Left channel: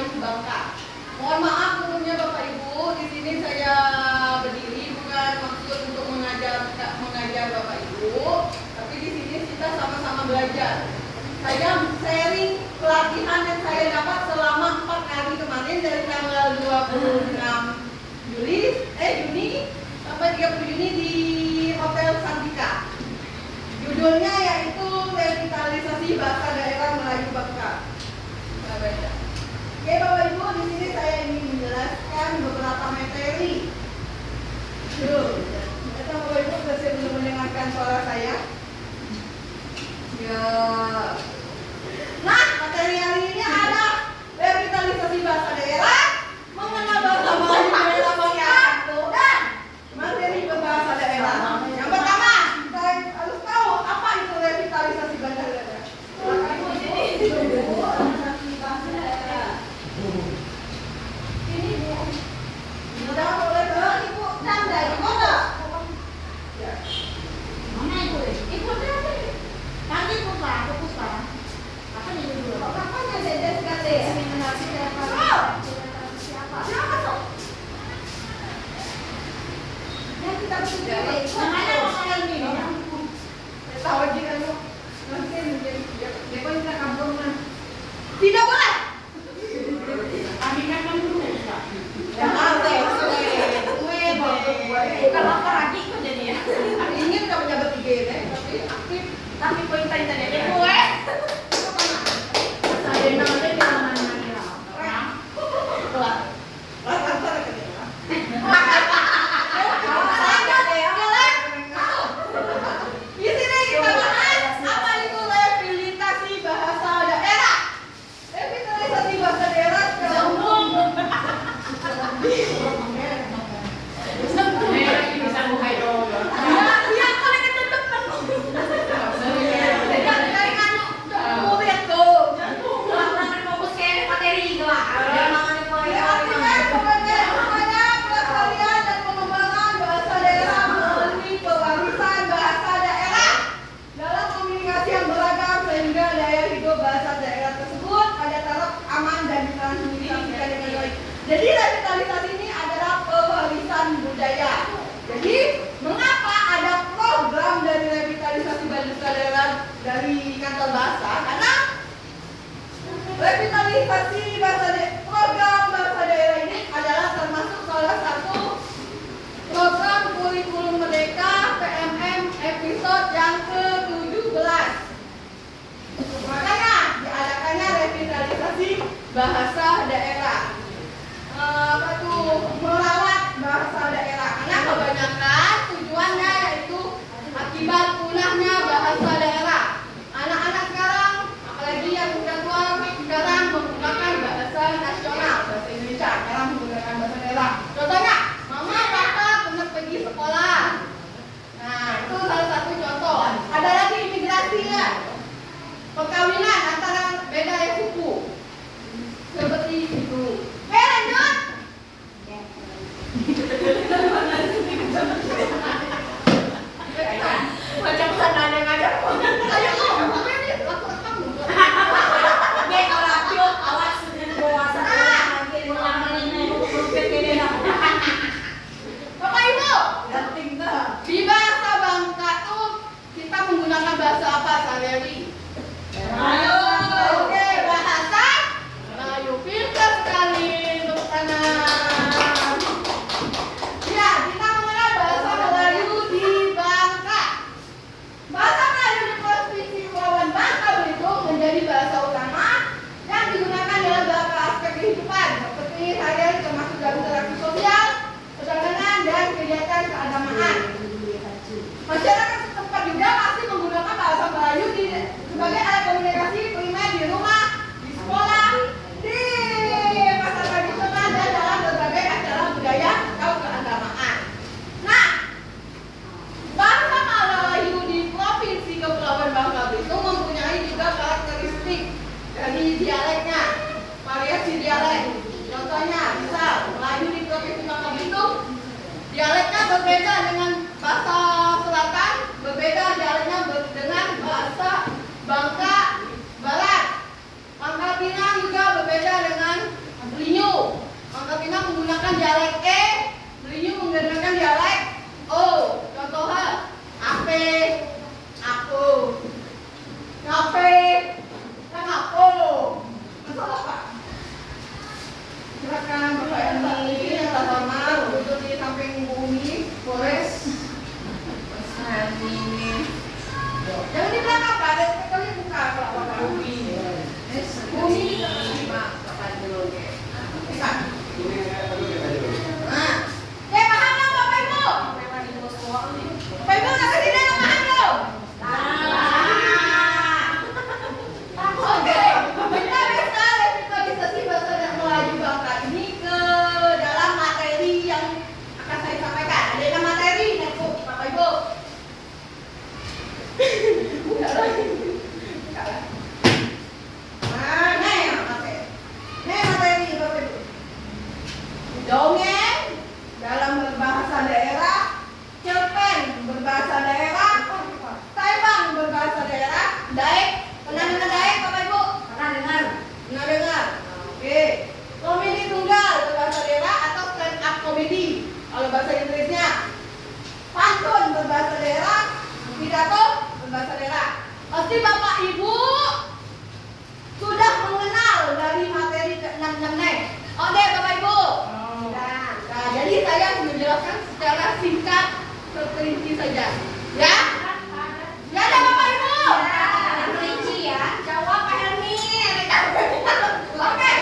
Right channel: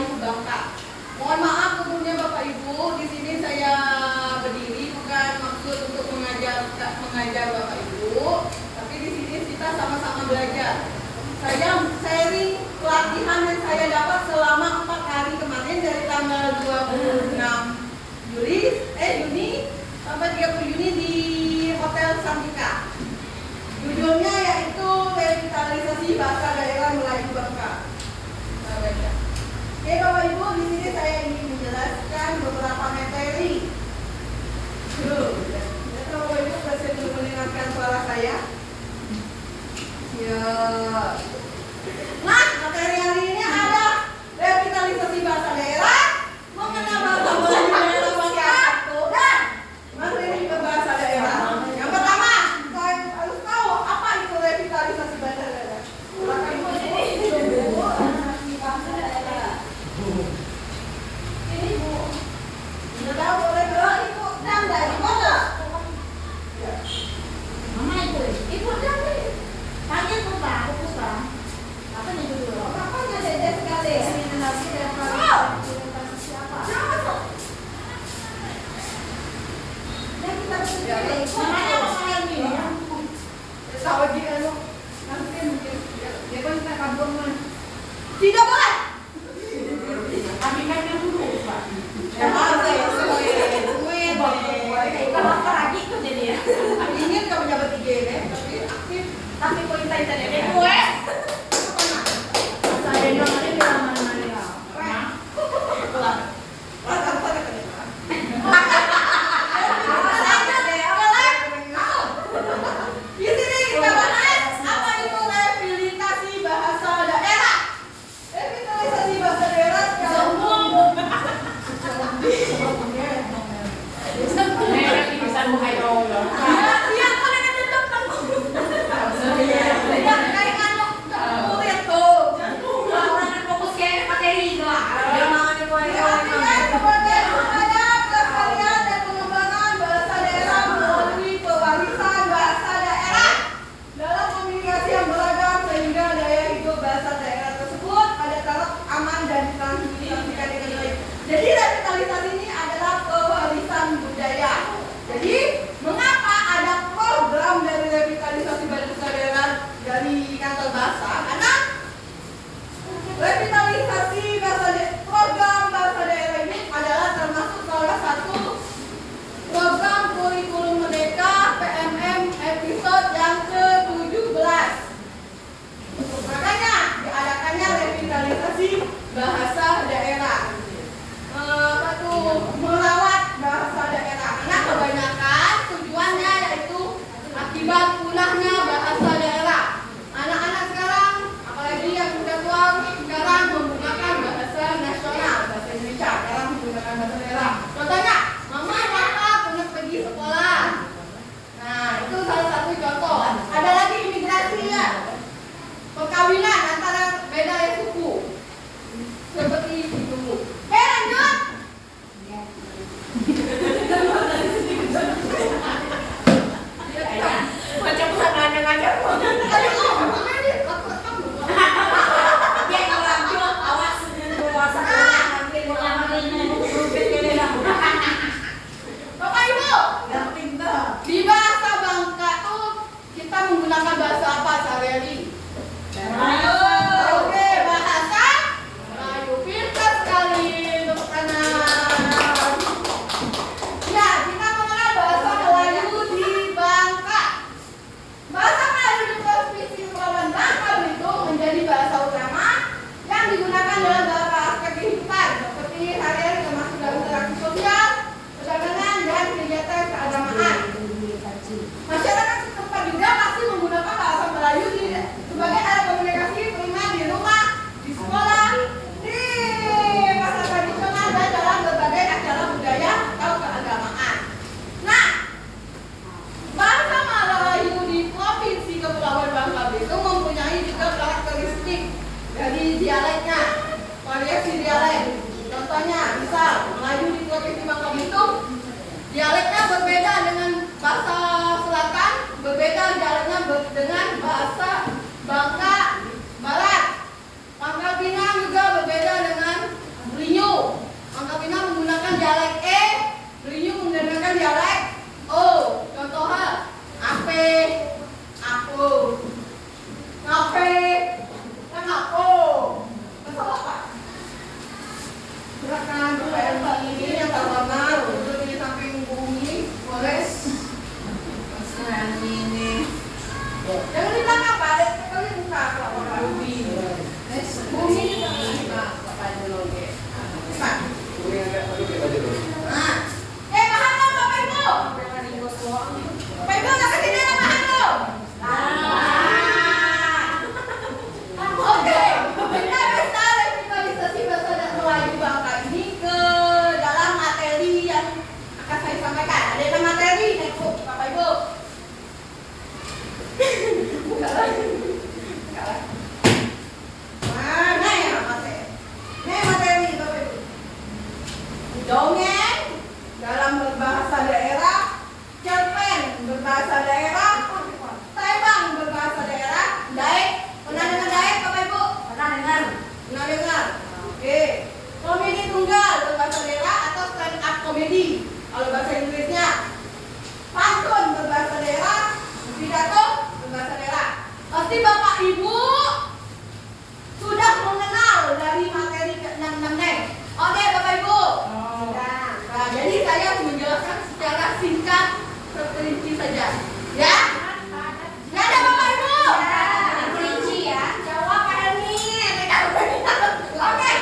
Melayu Bangka. Mohon maaf tentunya Bapak Ibu, di sini saya berdiri bukan maksud untuk mengajar Bapak Ibu, tapi di sini kita sama-sama belajar. Saya sharing pelatihan yang saya dapat selama 4 hari kemarin dari tanggal 26 Juni sampai 30 Juni di Hotel Santika. Judulnya yaitu revitalisasi bahasa daerah Melayu Bangka. Oke Bapak Ibu, di sini saya ingin menjelaskan beberapa materi. Bapak Ibu bersedia belum mendengarkan suara saya? Ya. Nah, materi hari ini ada revitalisasi bahasa daerah, mengenal bahasa Melayu daerah Bangka, dan materi berbahasa daerah. Yang pertama, saya harus tahu apa itu revitalisasi bahasa daerah. Bapak Ibu, ini bahasa daerah. Ini Bu. Sudah boleh bawa Ibu tanda Ibu ada? Ya. Mana Ibu? Ibu tanda. Panggil Puspa, aku Puspa. Apa nih dulu? Apa ada Dede sekali? Eliminasi siapa? Siapa tuh? Yang kita pilih. Namanya apa ini? Tahu dia lu. Nanti mikir dia kita kampung mana? Tidak boleh. Kami kan dulu, Pak. Ya, kalau lagi kok jadi ya. Ingin kamu dapat IGN, tapi aktif. Tapi poin tadi ada gue. Saya namanya bilang mana-mana. Di sini kita bahas apa itu revitalisasi bahasa daerah. Revitalisasi bahasa daerah bisa bukai dong. Iya, kalau kita tetap Jadi revitalisasi ini adalah pewarisan budaya. Jadi mengapa ada program dari revitalisasi bahasa daerah dari kantor bahasa? Karena revitalisasi program bahasa daerah ini adalah termasuk salah satu program kurikulum merdeka PMM episode yang ke-17. Makanya diadakannya revitalisasi bahasa daerah. Merawat bahasa daerah. Karena kebanyakan tujuannya yaitu akibat punahnya bahasa daerah. Anak-anak sekarang, apalagi yang sudah tua, sekarang menggunakan bahasa nasional, bahasa Indonesia. Sekarang menggunakan bahasa daerah. Contohnya, mama, papa pernah pergi sekolah. Nah, itu salah satu contoh. Ada lagi imigrasi ya. Perkawinan antara beda ya suku. Seperti itu. Lanjut. Macam mana aja. Ayo awas Silakan Bapak ini yang terhormat duduk di samping bumi, boleh. Mas ini. Jangan di belakang Pak, sekali buka kalau Bapak bumi. Bumi Bapak dulu ya. Pak. Nah, paham dong Bapak Ibu? Bapak Ibu nak kesini nak paham dong? Oke, kita bisa simak Melayu Bapak ini ke dalam materi yang akan saya sampaikan. Ada materi, Bapak Ibu. Bukan lagi. Mana ya materi? Materi Bapak Ibu. Dongeng dalam berbahasa daerah, cerpen berbahasa daerah, taibang berbahasa daerah, daek. Pernah dengar daek Bapak Ibu? Pernah dengar? Pernah dengar? Oke. Komedi tunggal berbahasa daerah atau stand up komedi kalau bahasa Inggrisnya. Pantun berbahasa daerah, pidato berbahasa daerah. Pasti Bapak Ibu sudah mengenal dari materi ke-6 nih. Oke Bapak Ibu. Nah, jadi saya menjelaskan secara singkat terperinci saja. Ya? Ya ada Bapak Ibu? Terperinci ya. Jawab Pak Helmi. Oke.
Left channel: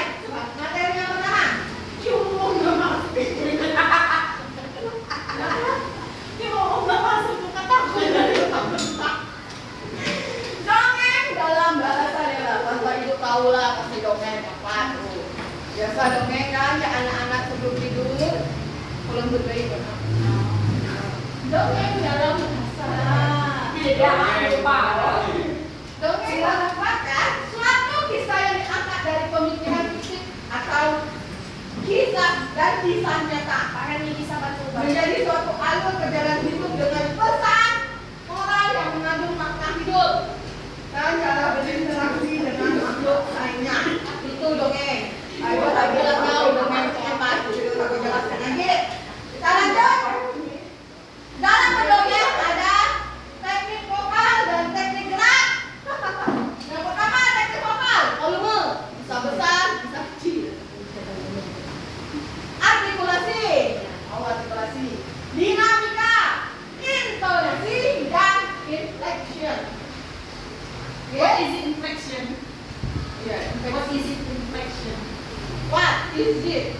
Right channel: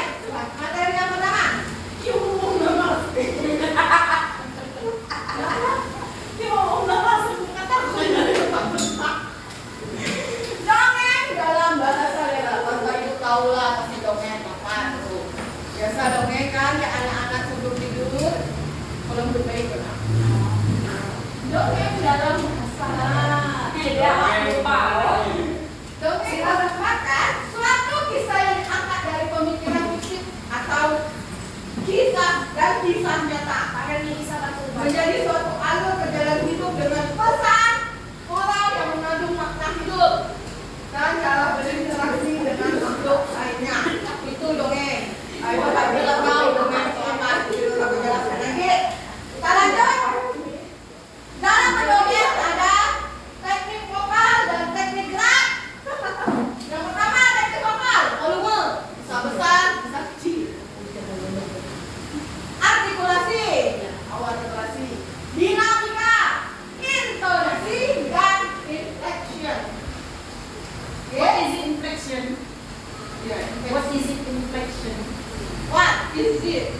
Materi yang pertama. Cuma masuk. Dongeng dalam bahasa daerah. Bapak Ibu tahulah pasti dongeng apa tuh. Biasa dongeng kan ya anak-anak sebelum tidur. Belum berbaik benar. Dongeng dalam bahasa. Dongeng merupakan suatu kisah yang diangkat dari pemikiran fiktif atau kisah dan kisah nyata. Menjadi suatu alur perjalanan hidup dengan pesan moral yang mengandung makna hidup dan cara berinteraksi dengan makhluk lainnya. Itu dongeng. Ayo bilang tahu dongeng apa itu aku jelaskan lagi. Kita lanjut. Dalam mendongeng ada teknik vokal dan teknik gerak. Yang pertama teknik vokal, volume bisa besar, bisa kecil. Artikulasi, artikulasi, dinamika, intonasi dan inflection. What is inflection? Yeah. What is it inflection? What is it?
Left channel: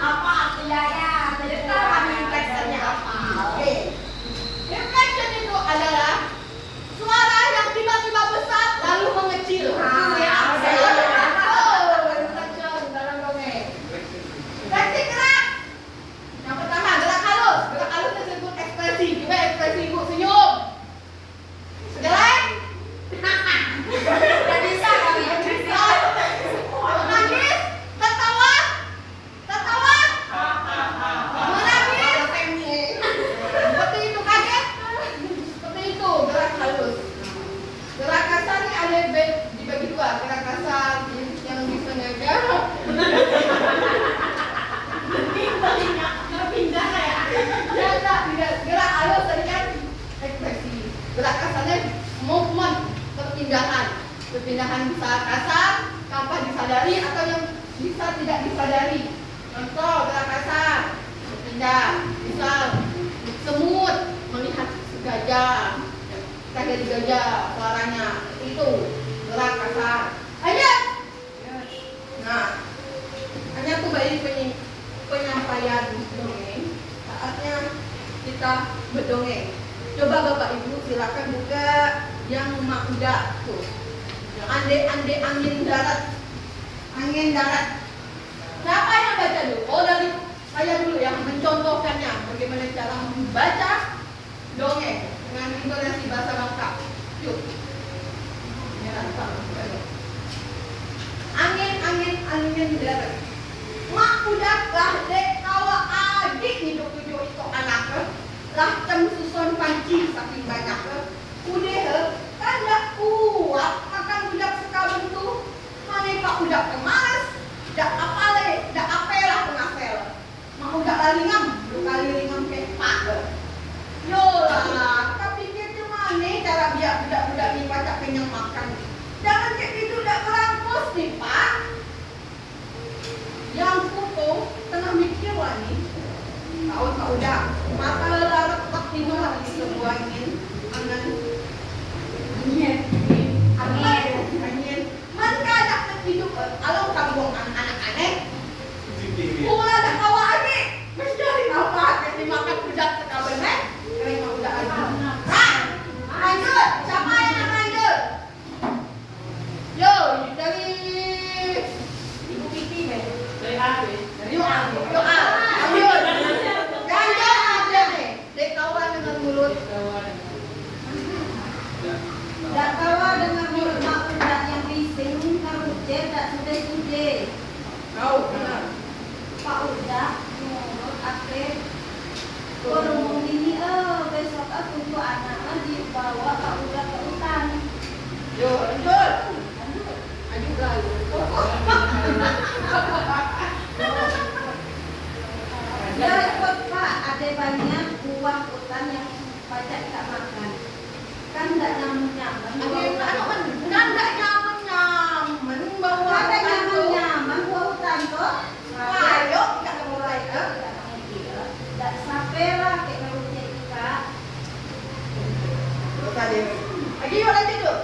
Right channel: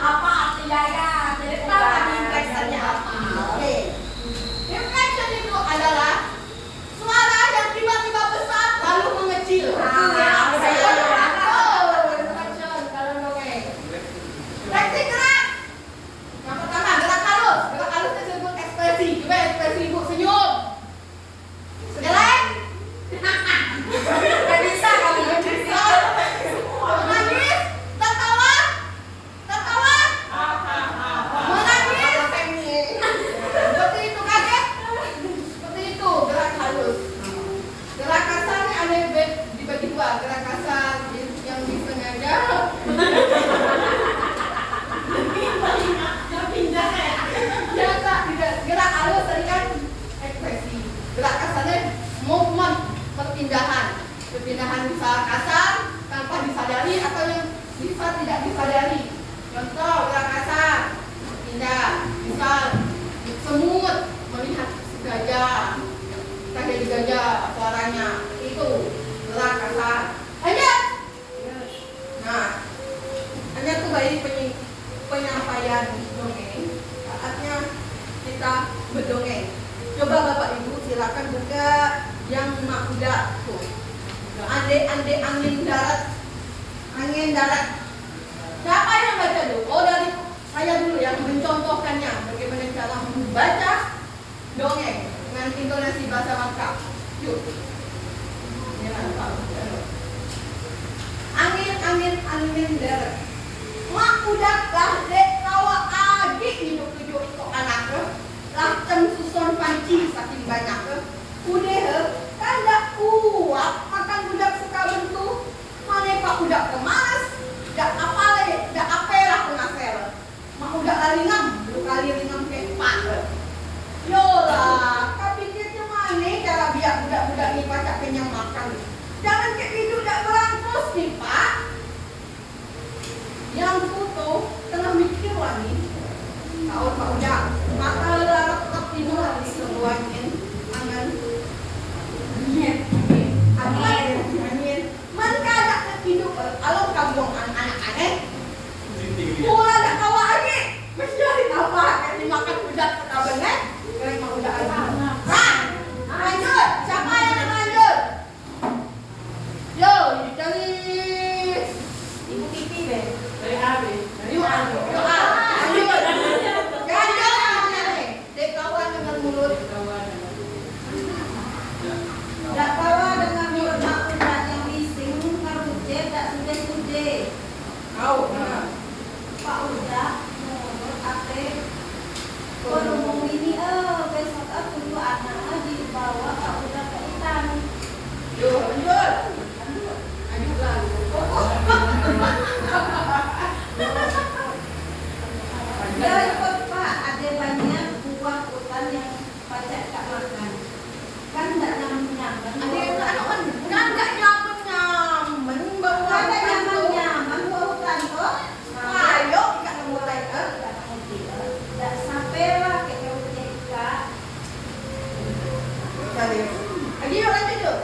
Apa artinya ya? Jadi kami inflectionnya apa? Oke. Inflection itu adalah suara yang tiba-tiba besar lalu mengecil. Inflection dalam dongeng. Teknik gerak. Yang pertama gerak halus. Gerak halus disebut ekspresi. Coba ekspresi Ibu senyum. Geleng. Gak bisa kali ya? Menangis. Tertawa. Tertawa. Menangis. Seperti itu kaget. Seperti itu gerak halus. Gerak kasarnya ada dibagi dua. Gerak kasar yang disengaja. Biasa tidak gerak halus tadi kan ekspresi. Gerak kasarnya movement, perpindahan bisa kasar tanpa disadari atau yang bisa tidak disadari. Contoh gerak kasar berpindah, misal semut melihat gajah, kita jadi gajah suaranya itu gerak kasar. Ayo. Nah, hanya tuh bayi penyampaian dongeng. Saatnya kita berdongeng. Coba Bapak Ibu silakan buka yang emak udah tuh. Ande angin darat. Angin darat. Siapa yang baca dulu? Oh dari saya dulu yang mencontohkannya. Bagaimana cara membaca dongeng dengan intonasi bahasa lengkap. Yuk. Angin darat. Mak udah lah dek kawa adik hidup tujuh itu anak lah susun panci saking banyak udah kan gak kuat makan budak suka bentuk mana pak budak kemaras dak apale dak apela pengapel mak udah lari ngam belum kali ngam kayak pak lola tapi kita mana cara biar budak-budak ini pacak kenyang makan jangan kayak gitu dak berangkos nih pak Yang foto tengah mikir lah nih. Tahun Pak udah mata larat tak tidur lagi sebuahin angan. Angin. Man kada ketidur alam kamu anak aneh. Pula dah kawa lagi. Mencari apa? Kayak dimakan udah sekabenet. Kayak mau udah aja. Lanjut. Siapa yang nak lanjut? Yo, dari Ibu Kiki deh. Dari Abi. Yuk, lanjut. Dek kawan dengan mulut. Dak kawa dengan mulut mak udah yang bising karuce dak sude-sude. Kau benar. Pak udah menurut ate ngomong ini besok aku tuh anak dibawa Pak udah ke hutan. Yo, lanjut. Lanjut lah. Besok Pak ada banyak buah hutan yang pajak tak makan. Kan tak nyaman-nyaman. Ada anak kan bukan enggak nyaman. Bau Kan tak kan nyaman-nyaman buah hutan tuh. Ayo kita mulai. Tak sampai lah ke karuce Kak. Tadi. Lagi yuk lanjut yuk.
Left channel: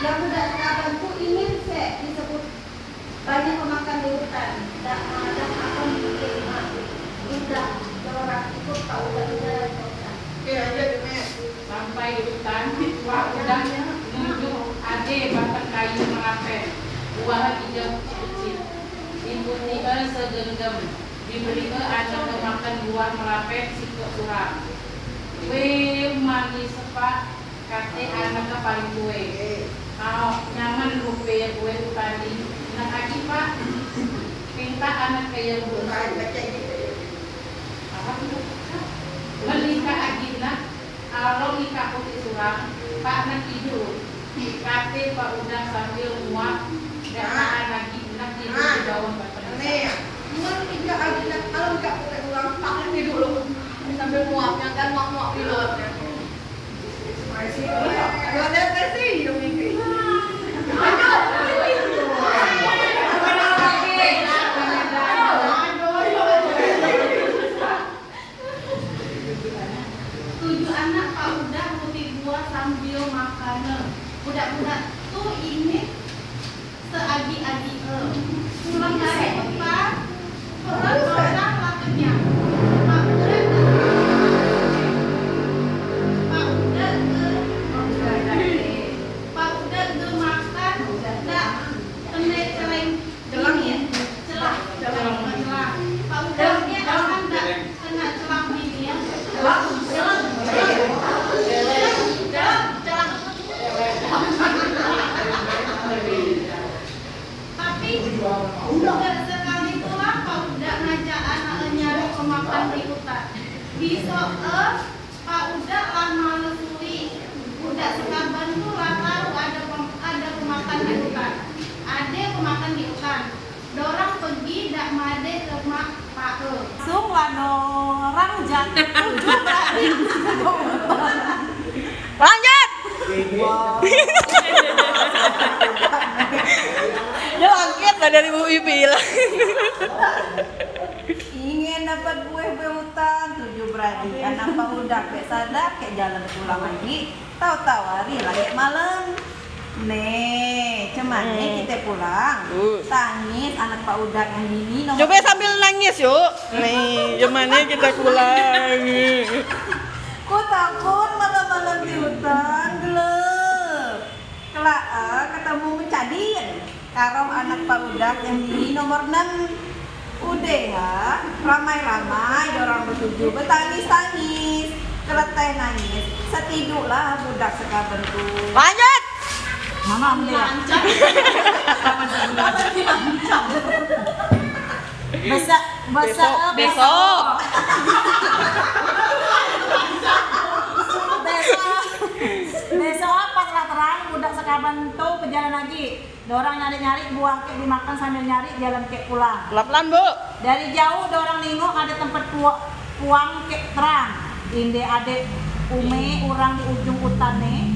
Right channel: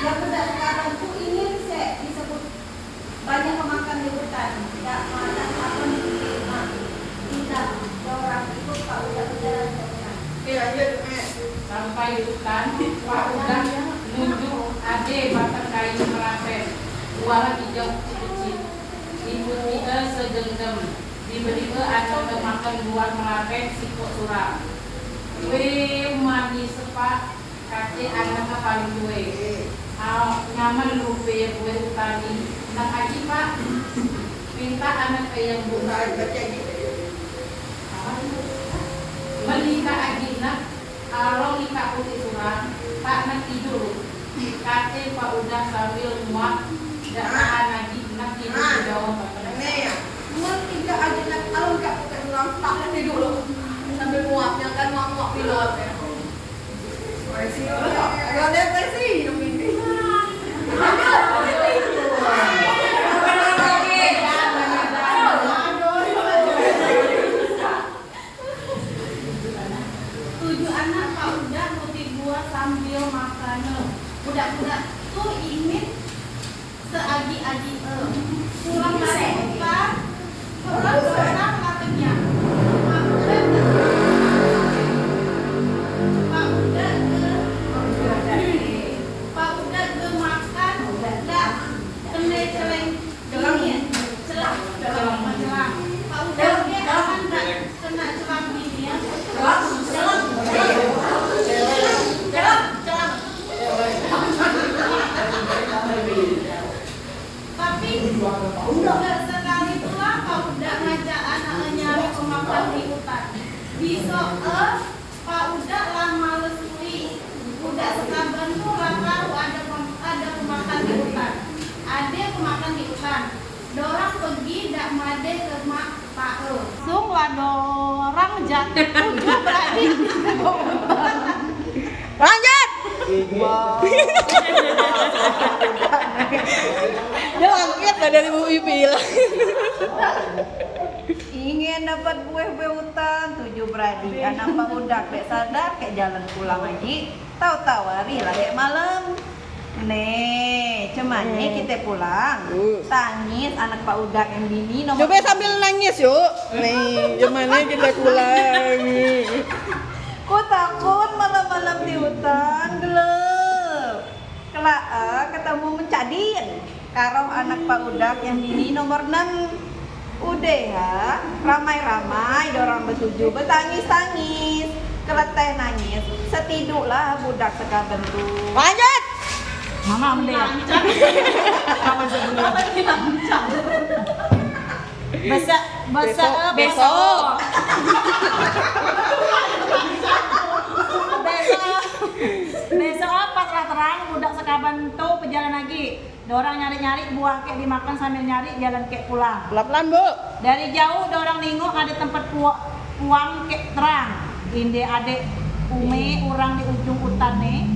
Yang berdasarkan itu ingin disebut banyak pemakan di hutan. Tak mana apa diterima. Tidak orang itu Pak udah jalan ke hutan. Oke lanjut Mek. Sampai di hutan, Wak udah nunjuk ade batang kayu merapen. Buah 3 kecil. Dibuti segenggam. Diberi anak makan buah merapen sikok suram. Weh mani sepak kace anak paling gue. Nyaman rupe gue tadi. Nak lagi Pak. Minta anak kayak Bukan buah. baca gitu. Menikah agina, along nikah putih suram, Pak nak tidur. Kate Pak udah sambil muat, gak tahan lagi nak tidur di bawah batang. Nih ya. Mun tiga aja nak kalau enggak pakai ulang tak nanti dulu. Sambil muapnya kan muap di luar ya. Aduh ada sih dong ini. Lanjut. Tujuh anak Pak udah putih buah sambil makan. Budak-budak tuh ini seadi-adi pulang dari hutan. Orang katanya. Pak udah ke makan dak kena celang ini celang. Pak udah dia akan dak kena celang ini ya. Tapi sekali pulang Pak udah ngajak anaknya nyari pemakan di hutan. Besok Pak udah lama lesui. Udah sekaban tuh lah tahu ada pemakan di hutan. Ada pemakan di hutan. Dorang pergi dak made ke mak Pak Sung lah dorang jaket 7 berarti. Lanjut. Dia langkit lah dari Bu Ipi hilang. Ingin dapat buah-buah hutan 7 beradi anak Pak udah kayak sadar kayak jalan pulang lagi tahu-tahu hari lagi malam nih cuman nih kita pulang tangis anak Pak udah yang gini nomor Coba sambil nangis yuk. Nih, gimana kita pulang. ku takut malam-malam di hutan gelap kelak ketemu mencadin karo anak Pak udah yang gini nomor 6 udah ya, ramai-ramai dorang bertuju bertangis-tangis keleteh nangis setiduklah budak sekaben tuh. Lanjut. Mana ambil ya? Besok. Besok pas lah terang budak sekaban tuh berjalan lagi. Dorang nyari-nyari buah kek dimakan sambil nyari jalan kek pulang. Pelan-pelan, Bu. Dari jauh dorang nengok ada tempat puang kek terang. Inde adek ume orang di ujung hutan nih.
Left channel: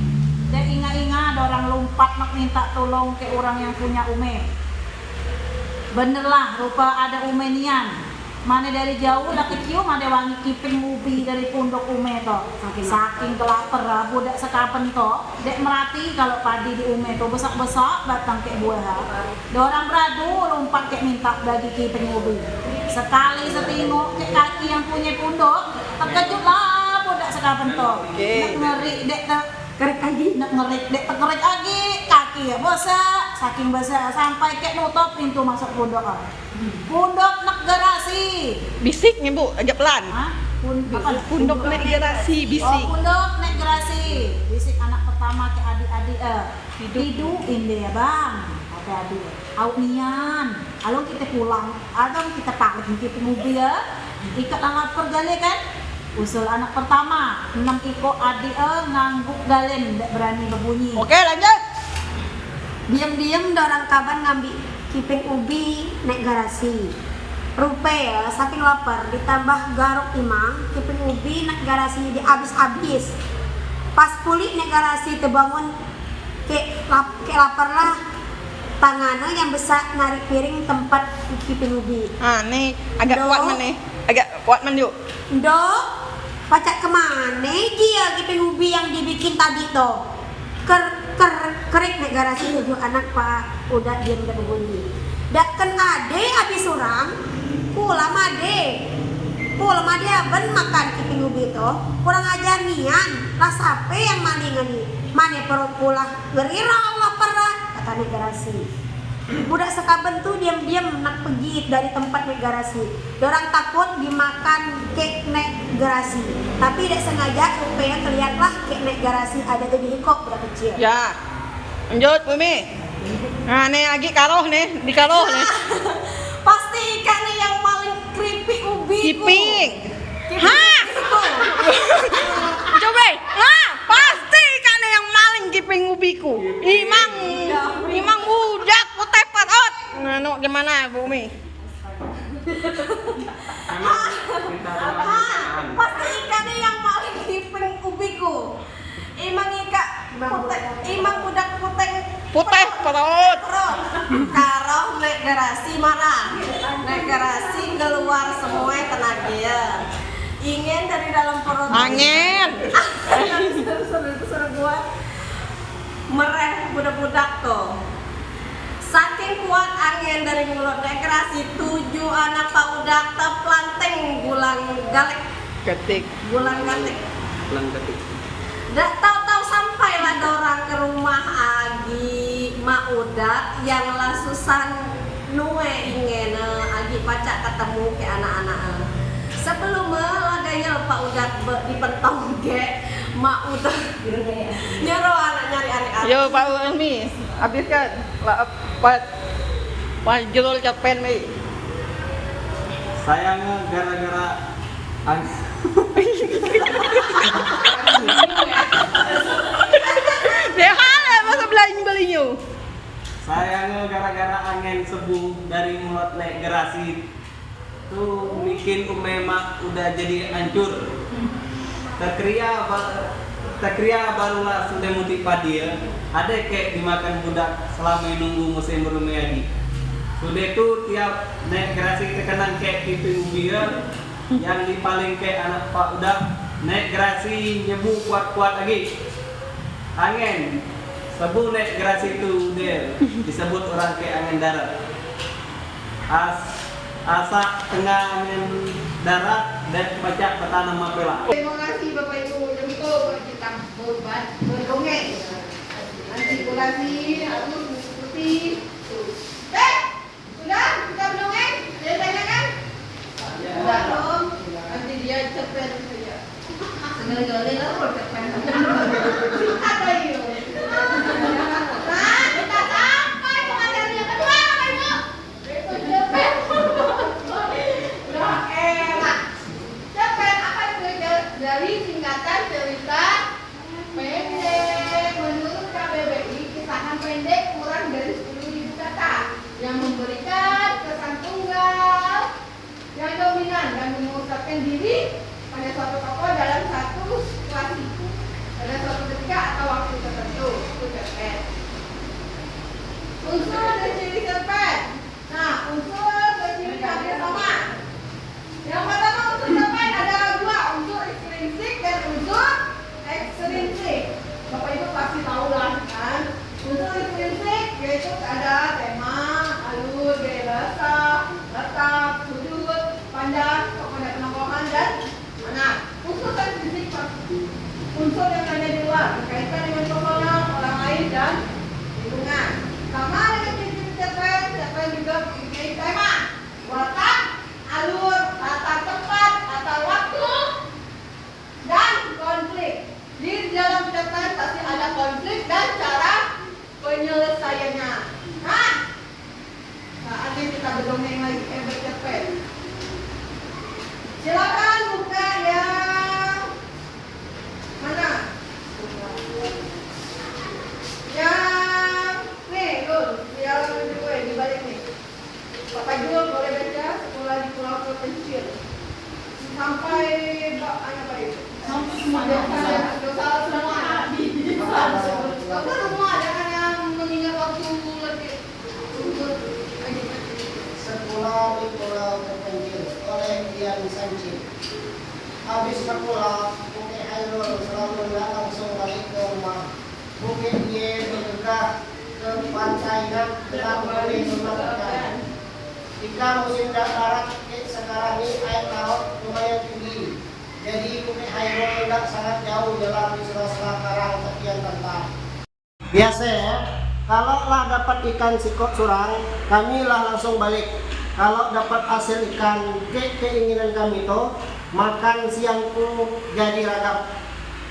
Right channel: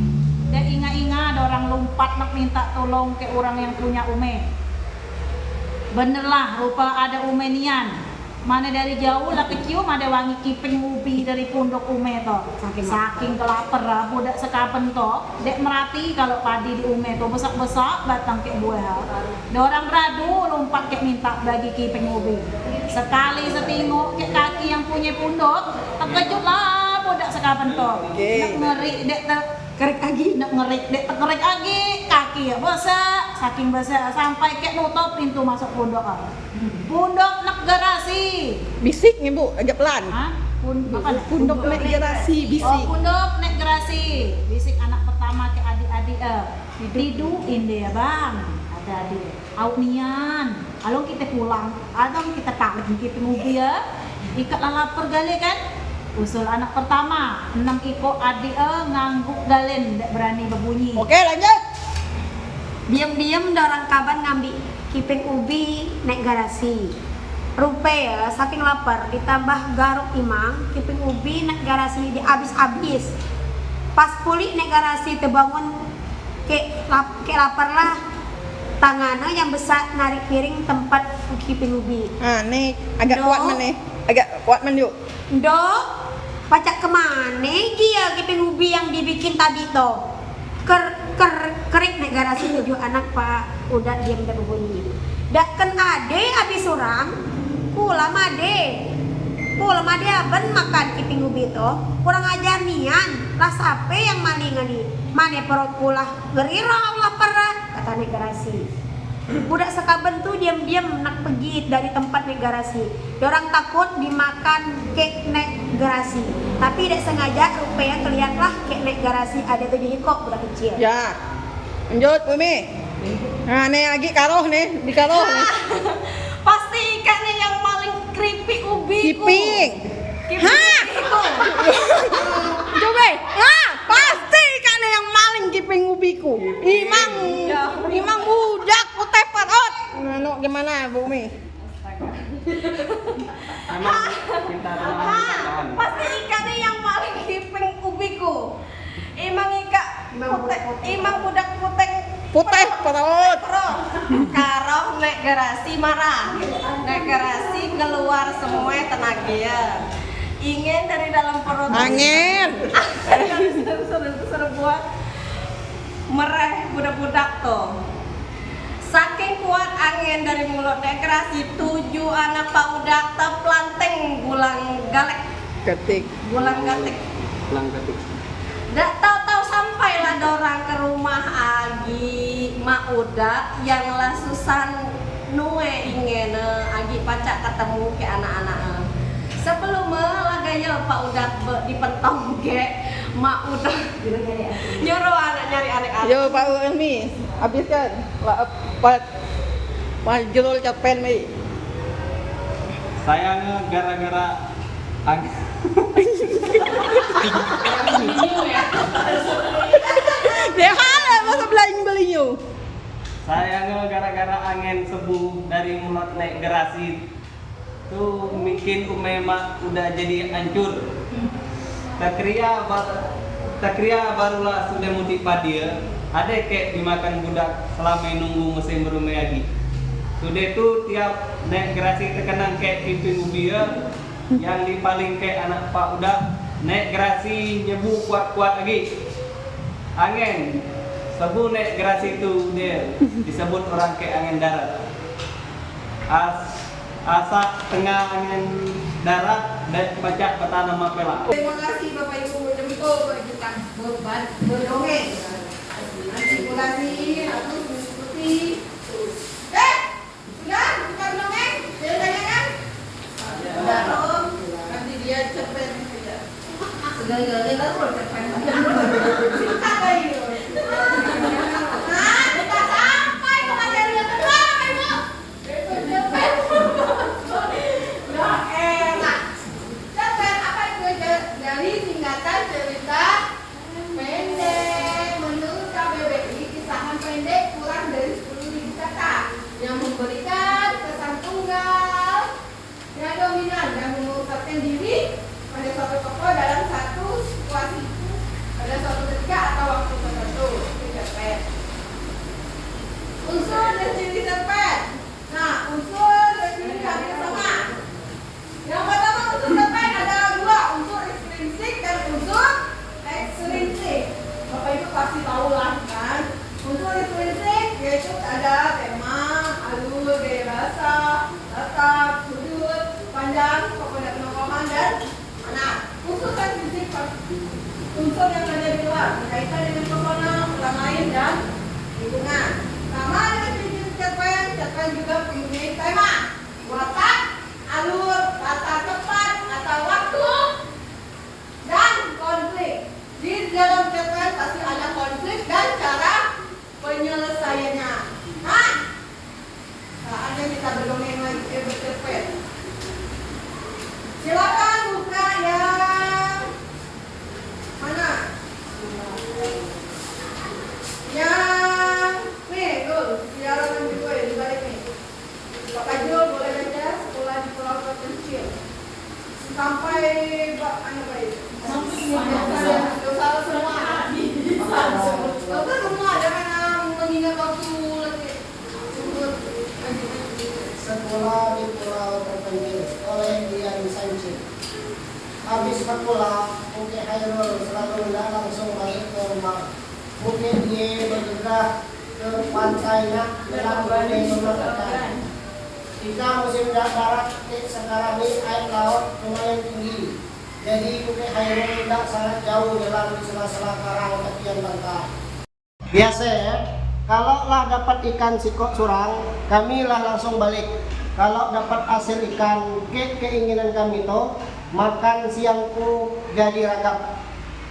Dan ingat-ingat dorang lompat nak minta tolong ke orang yang punya ume. Bener lah, rupa ada umenian. Mana dari jauh lah kecium ada wangi kiping ubi dari pundok ume to. Saking kelaper lah budak sekapen to. Dek merati kalau padi di ume to besar-besar datang ke buah. Dorang beradu lompat ke minta bagi kiping ubi. Sekali setengok ke kaki yang punya pundok, terkejut lah budak sekapen to. Nak ngeri dek kerik lagi, nak ngerik dek terkerik lagi kaki ya besar, saking besar sampai ke nutup pintu masuk pundok. Pundok nak garasi. Bisiknya Bu, agak pelan. Hah? Pundok naik garasi, Oh, bisik. pundok naik gerasi. Bisik anak pertama ke adik-adik tiduin dia bang. Ada adik. Au nian. Along kita pulang, adong kita tarik kita mobil ya. Ikat lapar gale kan? Usul anak pertama, 6 iko adik ngangguk galen, tidak berani berbunyi. Oke, lanjut. Diam-diam dorang kaban ngambil kiping ubi naik garasi. Rupa ya, saking lapar ditambah garuk imang, kiping ubi naik garasi dihabis-habis. Pas pulih naik garasi terbangun ke lapar lah. Tangannya yang besar narik piring tempat kiping ubi. Ah, nih agak Do. kuat mana? Agak kuat man yuk. Dok, pacak kemana dia kiping ubi yang dibikin tadi toh? Kerik naik garasi tujuh anak pak udah diam dan berbunyi. Daken ade habis orang, pulang ade ben makan kiping ubi toh. Kurang ajar nian, lah sape yang malingan nih. Mane perut pula gerirau lapar lah, kata naik garasi. Budak sekaben tuh diam-diam nak pergi dari tempat naik garasi. Orang takut dimakan kek naik garasi. Tapi tidak sengaja rupanya kelihatlah kek naik garasi ada tuh di hikok budak kecil. Ya. Lanjut, Bumi. Nah, nih lagi karoh nih, di karoh nih. Pasti ikannya yang paling keripik ubi. Kiping. Hah? Coba. Hah? Pasti kan yang maling kiping ubiku. Imang budak putih perut. Nah, gimana, Bumi? Pasti ikannya yang paling kiping ubiku. Imang budak putih Putih perut. Karoh naik garasi marah. Naik garasi keluar semua tenaga. Ingin dari dalam perut. Angin. Suruh gua mereh budak-budak tuh. Saking kuat angin dari mulut naik garasi 7 anak pak udak terplanteng gulang galek. Gulang gatek. Dak tahu-tahu sampailah dorang ke rumah Agi mak udak yang lasusan nue ingin Agi pacak ketemu ke anak-anak. Sebelum lagayel pak udak dipentong ke mak udak nyuruh anak nyari anak-anak. Yo, Pak Umi, habiskan. Pak Jurul Capen nih. Sayangnya gara-gara Dia halal masa belinya. sayangnya gara-gara angin sebuh dari mulut naik gerasi tuh bikin umema udah jadi hancur. Terkria barulah sudah mudik padi ya. Ada kayak dimakan budak selama nunggu musim berumai lagi. Sudah tuh tiap naik gerasi terkenang kayak kiping ubi ya. Yang dipaling kayak anak pak udah naik gerasi nyebu kuat-kuat lagi. Angin sebu naik gerasi itu dia disebut orang kayak angin darat. Asak tengah angin darat dan pacak petanam mapela. Terima kasih Bapak Ibu untuk berbincang berdongeng. Nanti kurasi harus mengikuti. Sudah bukan dongeng? Saya tanyakan. Sudah dong. Nanti dia cepet saja. Segala-galanya terus cepet. Apa itu? Nah, kita sampai pengajian yang kedua, Bapak Ibu. Cepet. Nah, enak. Cepet apa itu dari singkatan cerita pendek menurut KBBI kisahan pendek kurang dari 10.000 kita berdongeng lagi bercerpen. Silakan buka yang mana? Yang nih tuh, biar gue di balik nih. Bapak Jul boleh baca Sekolah di Pulau Terpencil sampai apa itu? Dosa semua. Dosa semua jangan yang mengingat waktu lagi. Sekolah di Pulau Terpencil oleh Dian Sanchez. Habis berpulang, Bukit Hairul selalu tidak langsung balik ke rumah. Bukit dia bergerak ke pantai Nak dalam balik memperhatikan. Jika musim darat sekarang ini air laut lumayan tinggi. Jadi Bukit Hairul tidak sangat jauh dalam sela-sela karang tepian pantai. Biasa ya, kalau lah dapat ikan sikok surang, kami lah langsung balik. Kalau dapat hasil ikan, keinginan kami itu makan siangku jadi ragap.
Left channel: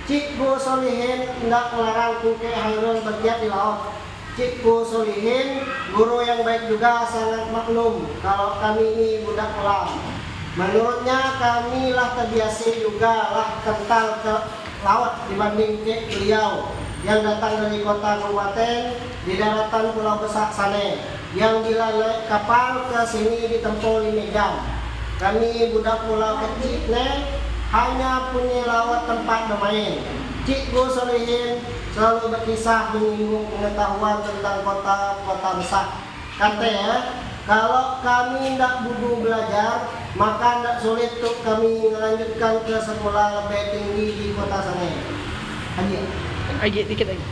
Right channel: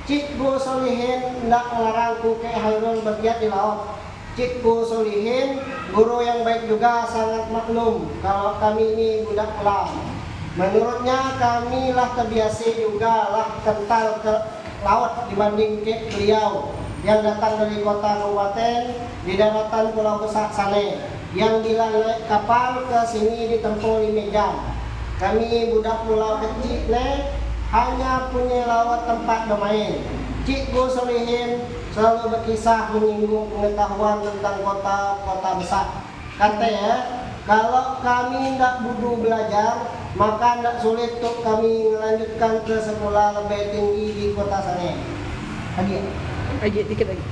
Cikgu Solihin tidak melarangku ke Hairul bergiat di laut. Cikgu Solihin, guru yang baik juga, sangat maklum kalau kami ini budak pelam. Menurutnya kami lah terbiasa juga lah kental ke laut dibanding ke beliau yang datang dari kota kabupaten di daratan Pulau Besar sana, yang bila naik kapal ke sini ditempuh 5 jam. Kami budak pulau kecil hanya punya laut tempat bermain. Cikgu Solihin selalu berkisah menyinggung pengetahuan tentang kota-kota besar. Katanya, kalau kami tidak butuh belajar, maka tidak sulit untuk kami melanjutkan ke sekolah lebih tinggi di kota sana. Lagi dikit lagi.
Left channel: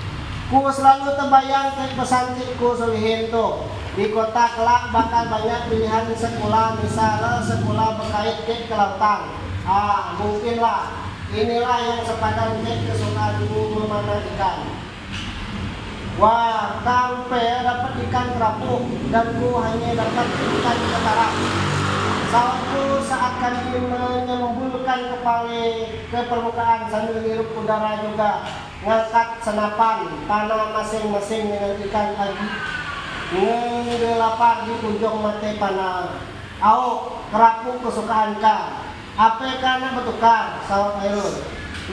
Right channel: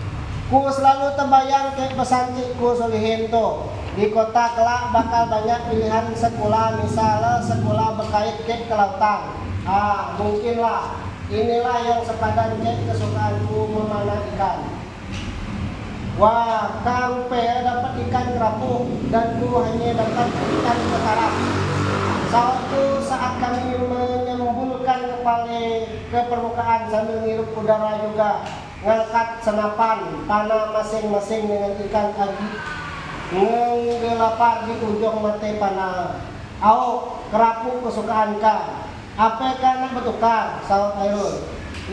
Ku selalu terbayang ke pesan Cikgu Solihin tuh. Di kota kelak bakal banyak pilihan sekolah, misalnya sekolah berkait ke kelautan. Mungkinlah inilah yang sepadan ke kesukaanku memanah ikan. Wah, kang dapat ikan kerapu dan ku hanya dapat ikan ketarak. Sawatku saat kami menyembulkan kepala ke permukaan sambil menghirup udara juga ngangkat senapan panah masing-masing dengan ikan lagi. Ngelapar di ujung mata panah. Au, kerapu kesukaan ka. Apa kana bertukar, sawat Hairul.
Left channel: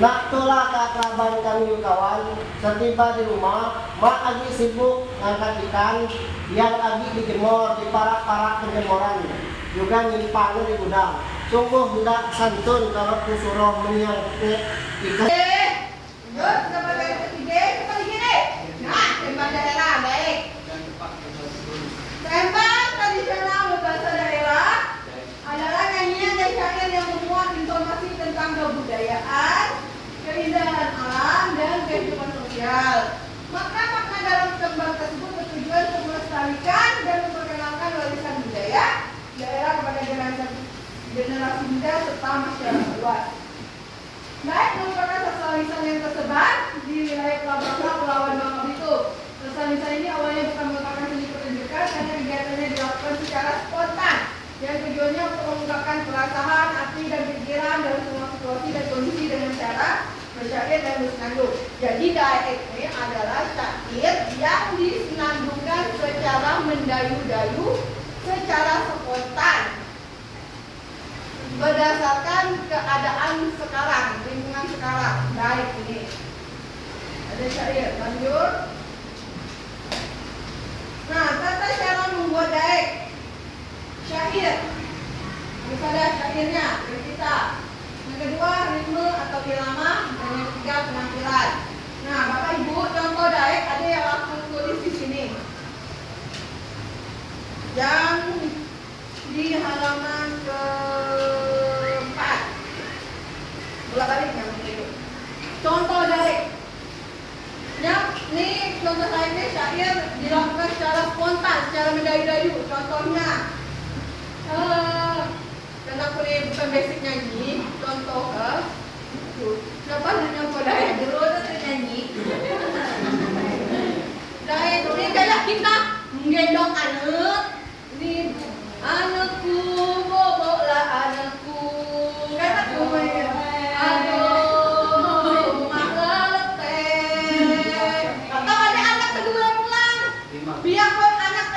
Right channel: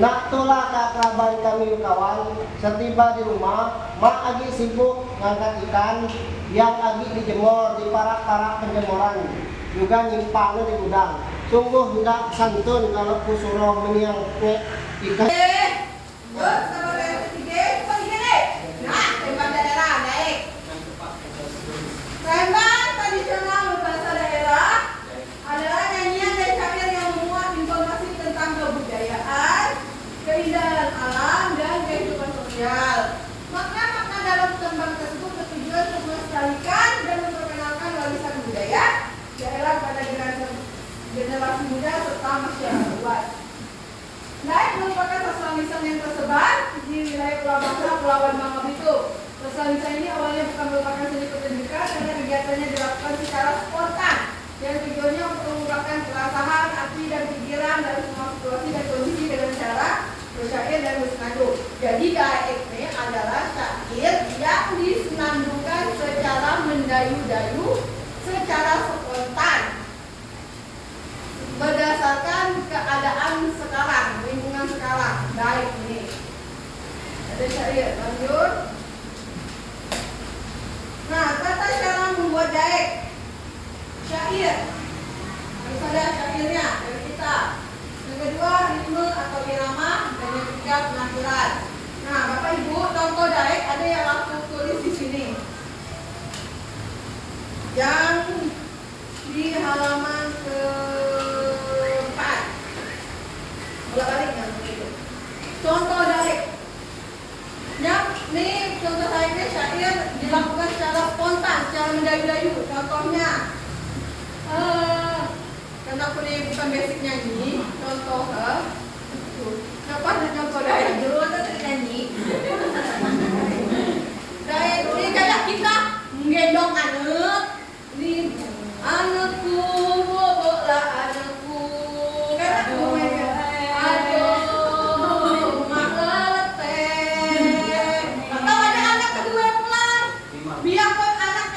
Nak tulah keakraban kami kawan. Setiba di rumah, mak agi sibuk ngangkat ikan yang agi dijemur di parak-parak penjemuran. Juga nyimpang di gudang. Sungguh hendak santun kalau kusuruh menyang ikan. Tembang tradisional bahasa daerah adalah nyanyian dan syair yang memuat informasi tentang kebudayaan, keindahan alam, dan kehidupan sosial. Maka makna dalam tembang tersebut bertujuan untuk melestarikan dan memperkenalkan warisan budaya daerah pada generasi muda serta masyarakat luas. Dayak merupakan sastra lisan yang tersebar di wilayah Pulau Bangsa, Kepulauan Bangka Belitung. Sastra lisan ini awalnya bukan merupakan seni pertunjukan, hanya kegiatannya dilakukan secara spontan yang tujuannya untuk mengungkapkan perasaan, arti dan pikiran dalam semua situasi dan kondisi dengan cara bersyair dan bersenandung. Jadi dayak ini adalah syair yang disenandungkan secara mendayu-dayu, secara spontan, berdasarkan keadaan sekarang, lingkungan sekarang. Dayak ini ada syair. Lanjut. Nah, tata cara membuat dayak syair. Harus ada syairnya dari kita. Yang kedua, ritme atau irama, dan yang ketiga, penampilan. Nah, Bapak Ibu, contoh dayak ada yang aku tulis di sini. Yang di halaman ke-4. Bolak-balik yang itu. Contoh dayak. Yang ini contoh dayak syair dilakukan secara spontan, secara mendayu-dayu. Contohnya, karena aku ini bukan basic nyanyi, contoh siapa ada contoh dayak dulu atau nyanyi? Dayak ini kayak kita menggendong anak. Ini anakku, bobolah anakku. Kan aku main. Aduh, mak leleteh. Atau ada anak kedua pulang. Biar anak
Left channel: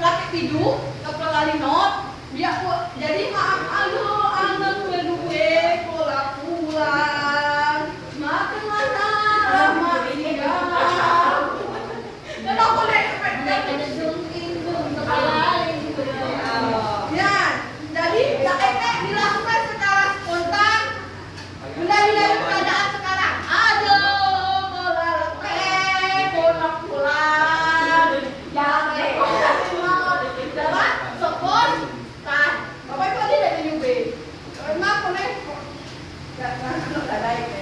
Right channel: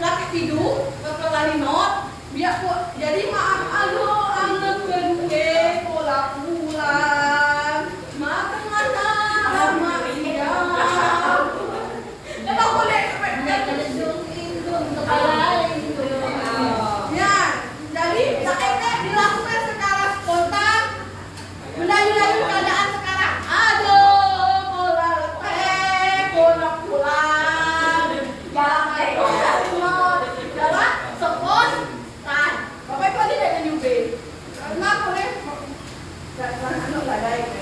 laki hidup kepelalinot biar jadi maaf anak gue pola pulang makan mana lama kalau boleh ya jadi dilakukan secara spontan melalui keadaan sekarang aduh pola pola pulang jalan spontan bapak itu ada dari UB karena boleh nggak ada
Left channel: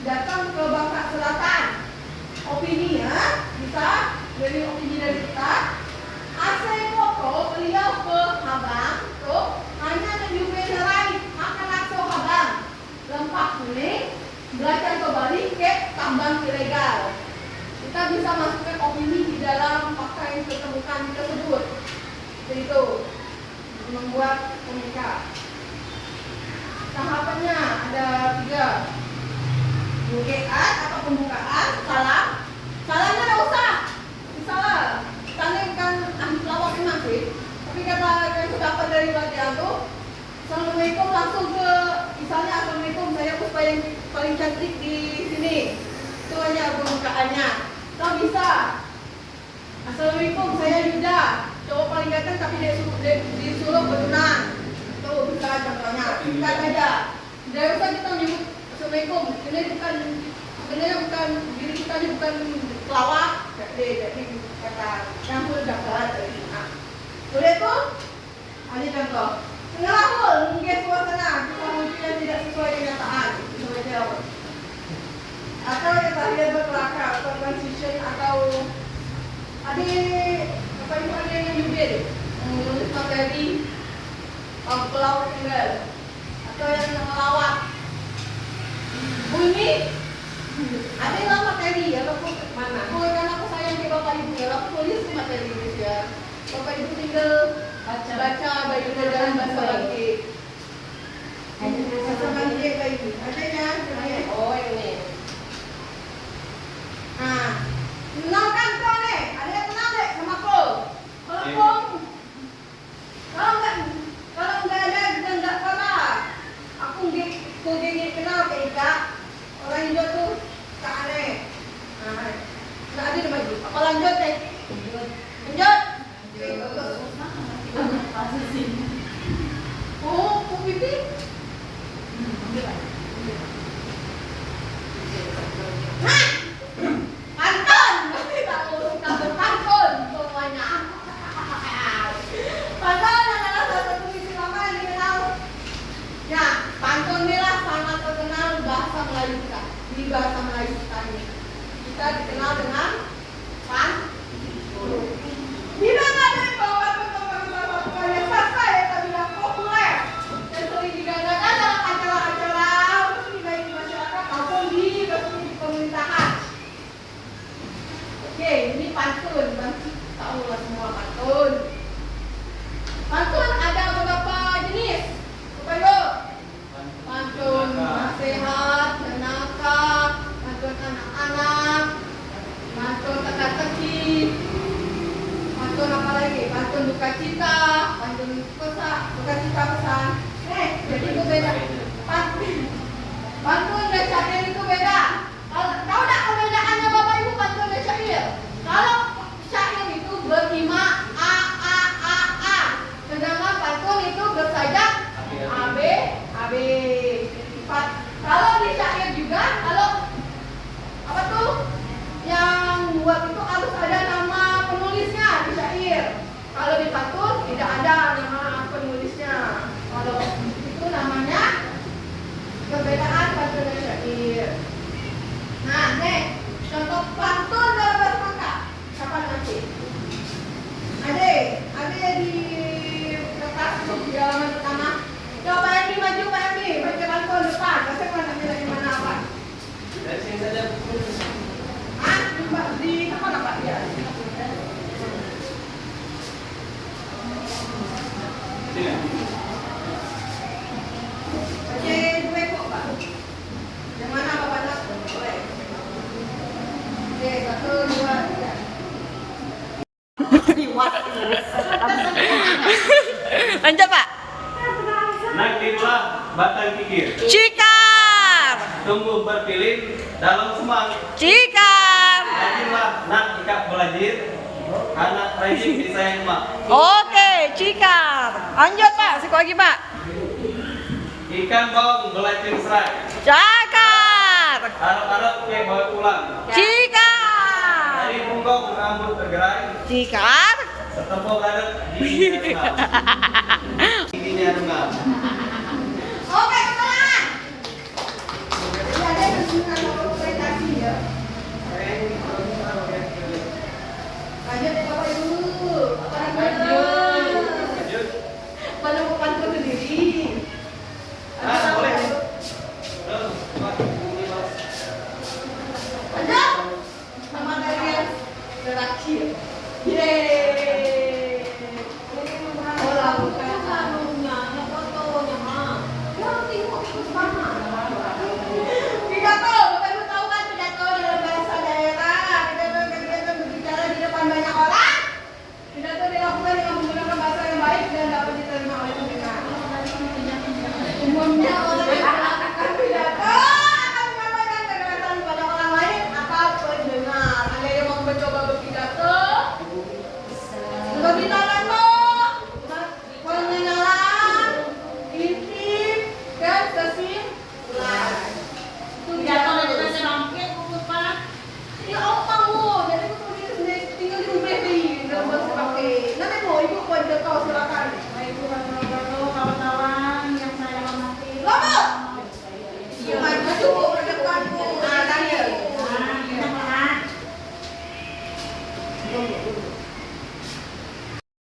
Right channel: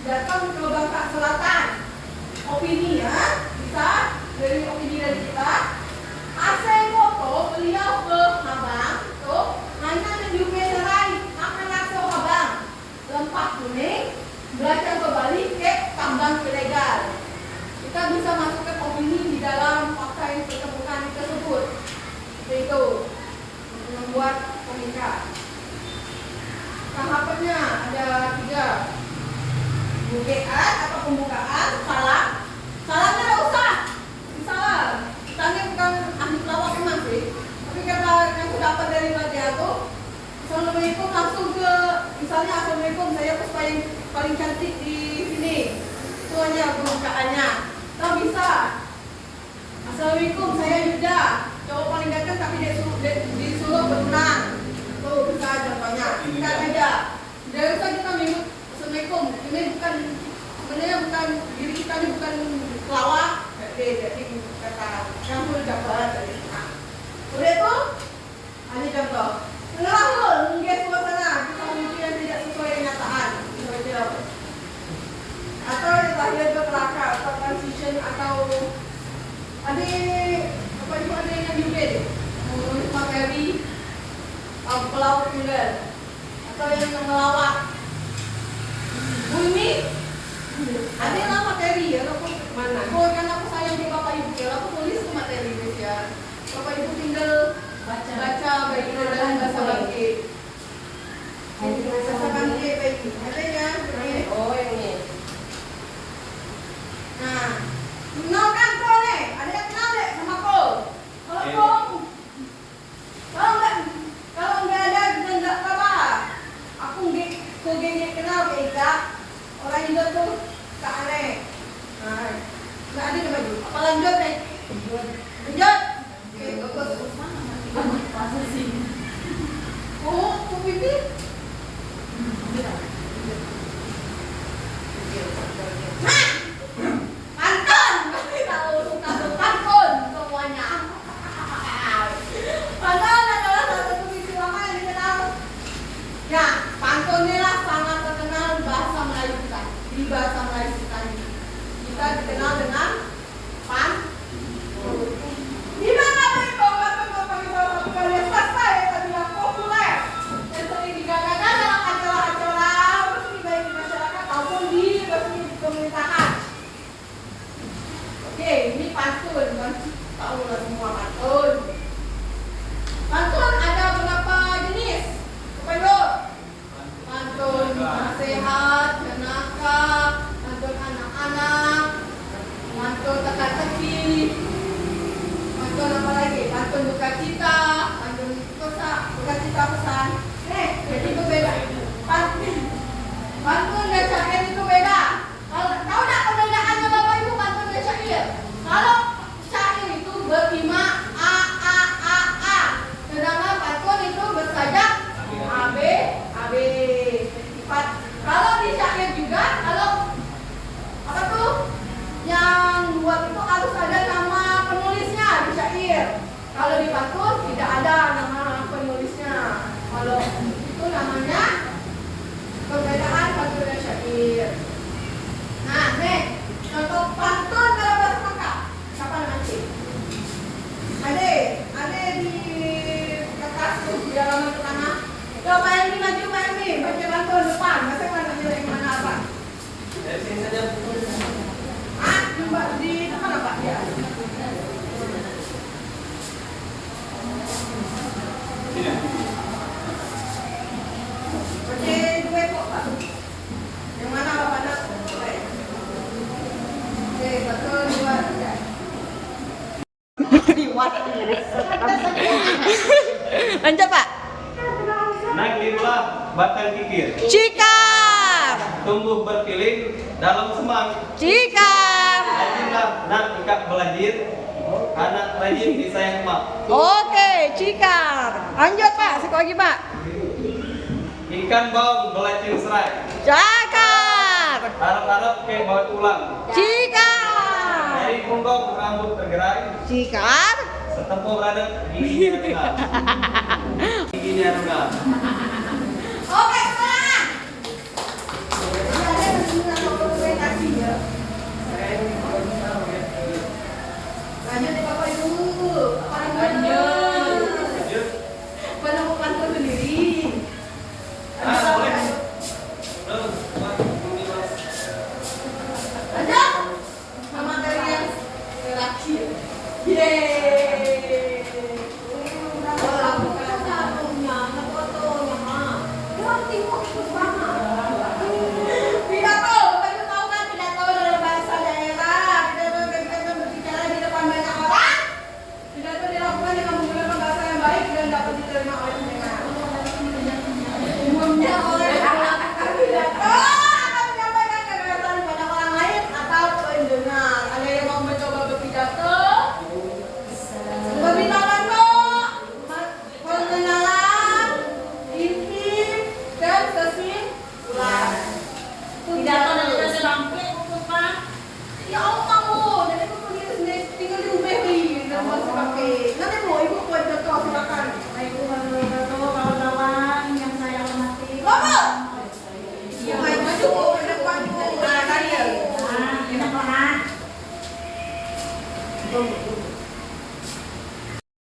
datang ke Bangka Selatan kita bisa masukkan opini di dalam fakta yang ditemukan tersebut. Seperti itu, membuat komunikat. Tahapannya ada 3. Bukaan atau pembukaan, salam. Salamnya nggak usah. Salam. Kita ini bukan ahli pelawak memang sih. Tapi kata yang sudah dapat dari Mbak Diago, Assalamualaikum langsung ke, misalnya Assalamualaikum, saya Puspa yang paling cantik di sini. Itu aja pembukaannya. Kita bisa. Assalamualaikum, saya Yuda, cowok paling ganteng tapi disuruh bertunang. Itu bisa contohnya. Singkat aja. Tidak usah kita menyebut Assalamualaikum. Ini bukan, sebenarnya bukan, diri kita ini bukan pelawak. Jadi kata kamu dapat dari kita. Udah itu, ini contoh. Ngerahul, menggiat suasana, kita menuju yang tidak sesuai kenyataan. Itu aja. Atau yang tadi ada perangkat, transition atau apa itu ada yang Yudin menulis materi pelawak tinggal atau yang ngelawak bunyi ada yang materi ya aku mana karena aku sayang di bapak ibu ya aku tulis ke materi ya bapak ibu tinggal baca baik dalam bahasa bangkit bahasa bangkit baik ada ya oh ini nah kenalkan kau nih, ada yang kenal deh sama kau. Kalau nggak ada juga nggak apa-apa. Aku nggak kenal ke Ika. Orang Indo tuh tak aneh. Nah, nggak ada nama itu. Apa lanjut deh? Lanjut. Oh, pipi. Hah? Pantun, tahu pantun semuanya. Pantun adalah satu puisi lama yang dikenal. Ya, pantun inilah sangat terkenal di bahasa Melayu kita. Di bahasa Melayu kita ini, kita dikenal dengan pantun. Di mana ada bahwa pantun kalian sastra yang terbilang populer dan sering digadangkan dalam acara-acara resmi baik di masyarakat maupun di resmi di pemerintahan. Oke, ini pantun, tahu lah semua pantun. Pantun ada beberapa jenis. Bukan yuk. Pantun nasihat, menaka, pantun anak-anak, pantun teka-teki, pantun apa lagi? Pantun duka cita, pantun duka cita pesan. Jadi itu beda. Pantun dan syair itu beda. Tahu tak perbedaannya Bapak Ibu pantun dan syair? Kalau syair itu berima a, sedangkan pantun itu bersajak ab. Kalau di syair juga, kalau apa tuh yang buat itu harus ada nama penulisnya di syair. Kalau di pantun tidak ada nama penulisnya. Kalau itu namanya perbedaan pantun dan syair. Nah, nih contoh pantun dalam bahasa Mangka. Siapa namanya? Ade di kertas di dalam tanah. Coba Pak Emi maju, Pak Emi baca pantun depan. Bahasa mana nilai mana apa? Dari sini saja. Di mana Pak dia? Sini. Baca dua kok Pak. Yang mana Bapak nak? Oke, 1, 2, 3. Lanjut Pak. Naiklah batang kikir. Cikar. Tumbuh berpilih dalam semang. Cikar. Rajinlah nak ikat belajir. Anak rajin disayang mak. Oke, cikar. Lanjut Pak, sekali lagi Pak. Ikan bawang belacin serai. Cakar. Harap-harap kayak bawa tulang. Cikar. Dari punggong rambut tergerai. Cikar. Setempok adat giginya rendah. Giginya rendah. Oke, teman-teman. Jadi ada dengan presentasi ya. Lanjut ya Bapak Ibu. Lanjut. Penemukan pantun sendiri. Boleh. Lanjut. Sama dari Oke, nanti Bu, Ibu poin ke-2 silakan. Assalamualaikum warahmatullahi wabarakatuh, kawan-kawan yang saya hormati. Lobo. Main maju Bu, ke depan Bu. Nah, Daniel.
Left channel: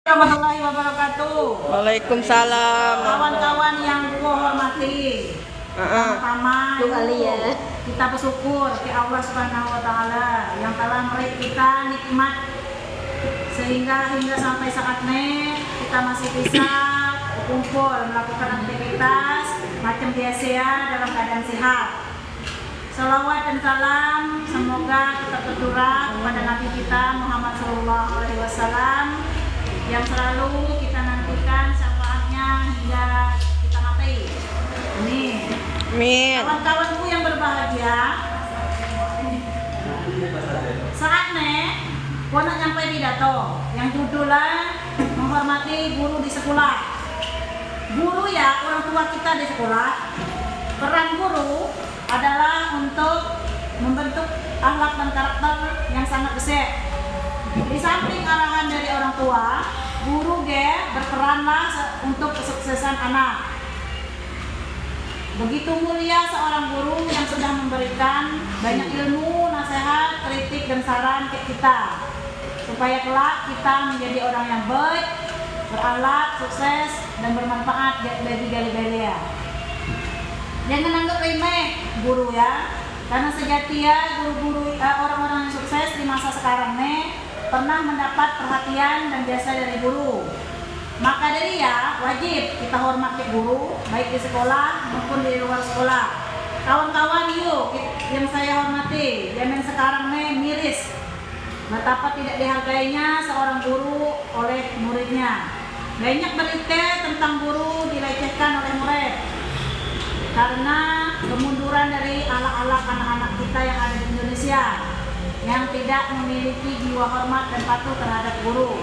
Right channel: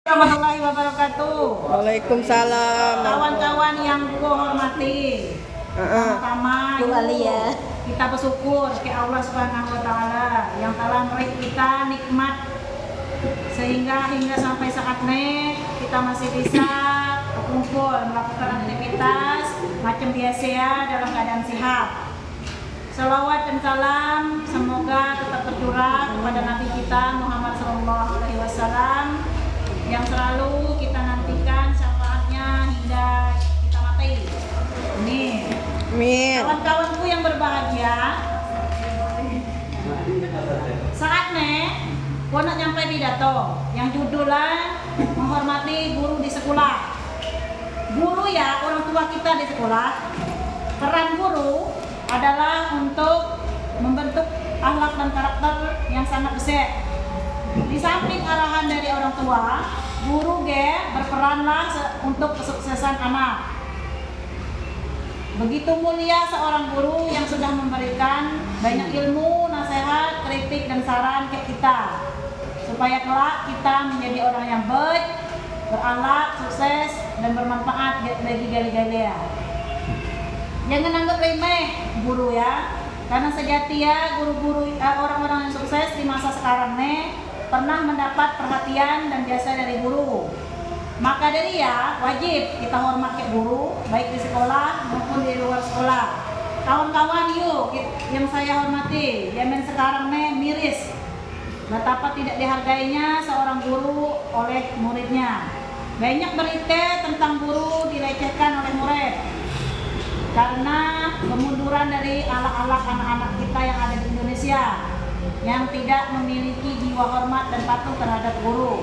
Warahmatullahi wabarakatuh. Waalaikumsalam. Kawan-kawan yang gua hormati. Pertama kita bersyukur ke Allah Subhanahu wa taala yang telah memberi kita nikmat sehingga hingga sampai saat ini kita masih bisa berkumpul melakukan aktivitas macam biasa ya dalam keadaan sehat. Salawat dan salam semoga kita tercurah kepada Nabi kita Muhammad SAW yang selalu kita nantikan syafaatnya hingga kita mati. Amin. Kawan-kawanku yang berbahagia, saatnya gua nak nyampe pidato yang judulnya menghormati guru di sekolah. Guru ya orang tua kita di sekolah. Peran guru adalah untuk membentuk akhlak dan karakter yang sangat besar. Di samping arahan dari orang tua, guru berperanlah untuk kesuksesan anak. Begitu mulia seorang guru yang sudah memberikan banyak ilmu, nasihat, kritik, dan saran ke kita supaya kelak kita menjadi orang yang baik, berakhlak, sukses, dan bermanfaat bagi gali-galia. Jangan anggap remeh guru ya, karena sejati ya guru-guru orang-orang yang sukses di masa sekarang nih pernah mendapat perhatian dan jasa dari guru. Maka dari ya wajib kita hormat ke guru baik di sekolah maupun di luar sekolah. Kawan-kawan yuk yang saya hormati, zaman sekarang nih miris betapa tidak dihargainya seorang guru oleh muridnya. Banyak berita tentang guru dilecehkan oleh murid karena kemunduran dari akhlak-akhlak anak-anak kita yang ada di Indonesia yang tidak memiliki jiwa hormat dan patuh terhadap guru.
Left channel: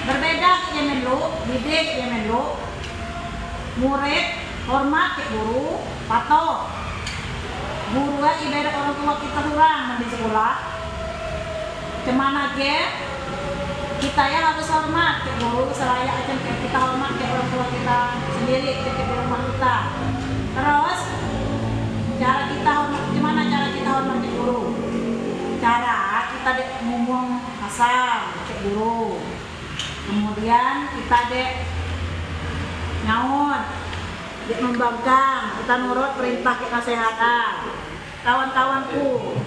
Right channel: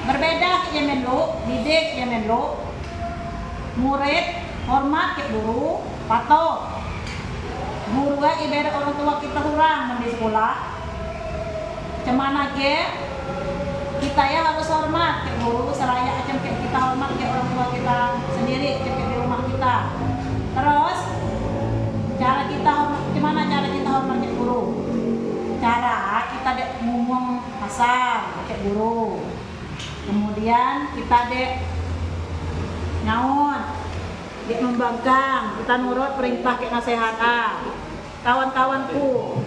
Berbeda ya menlo, didik ya menlo, murid hormat ke guru, patuh. Guru ibarat orang tua kita kurang di sekolah. Cemana kita ya harus hormat ke guru, seraya aja kita hormat ke orang tua kita sendiri, ke rumah kita. Terus cara kita hormat, gimana cara kita hormat ke guru? Cara kita ngomong kasar ke guru. Kemudian kita naon, membangkang, kita nurut perintah ke nasihat. Kawan-kawanku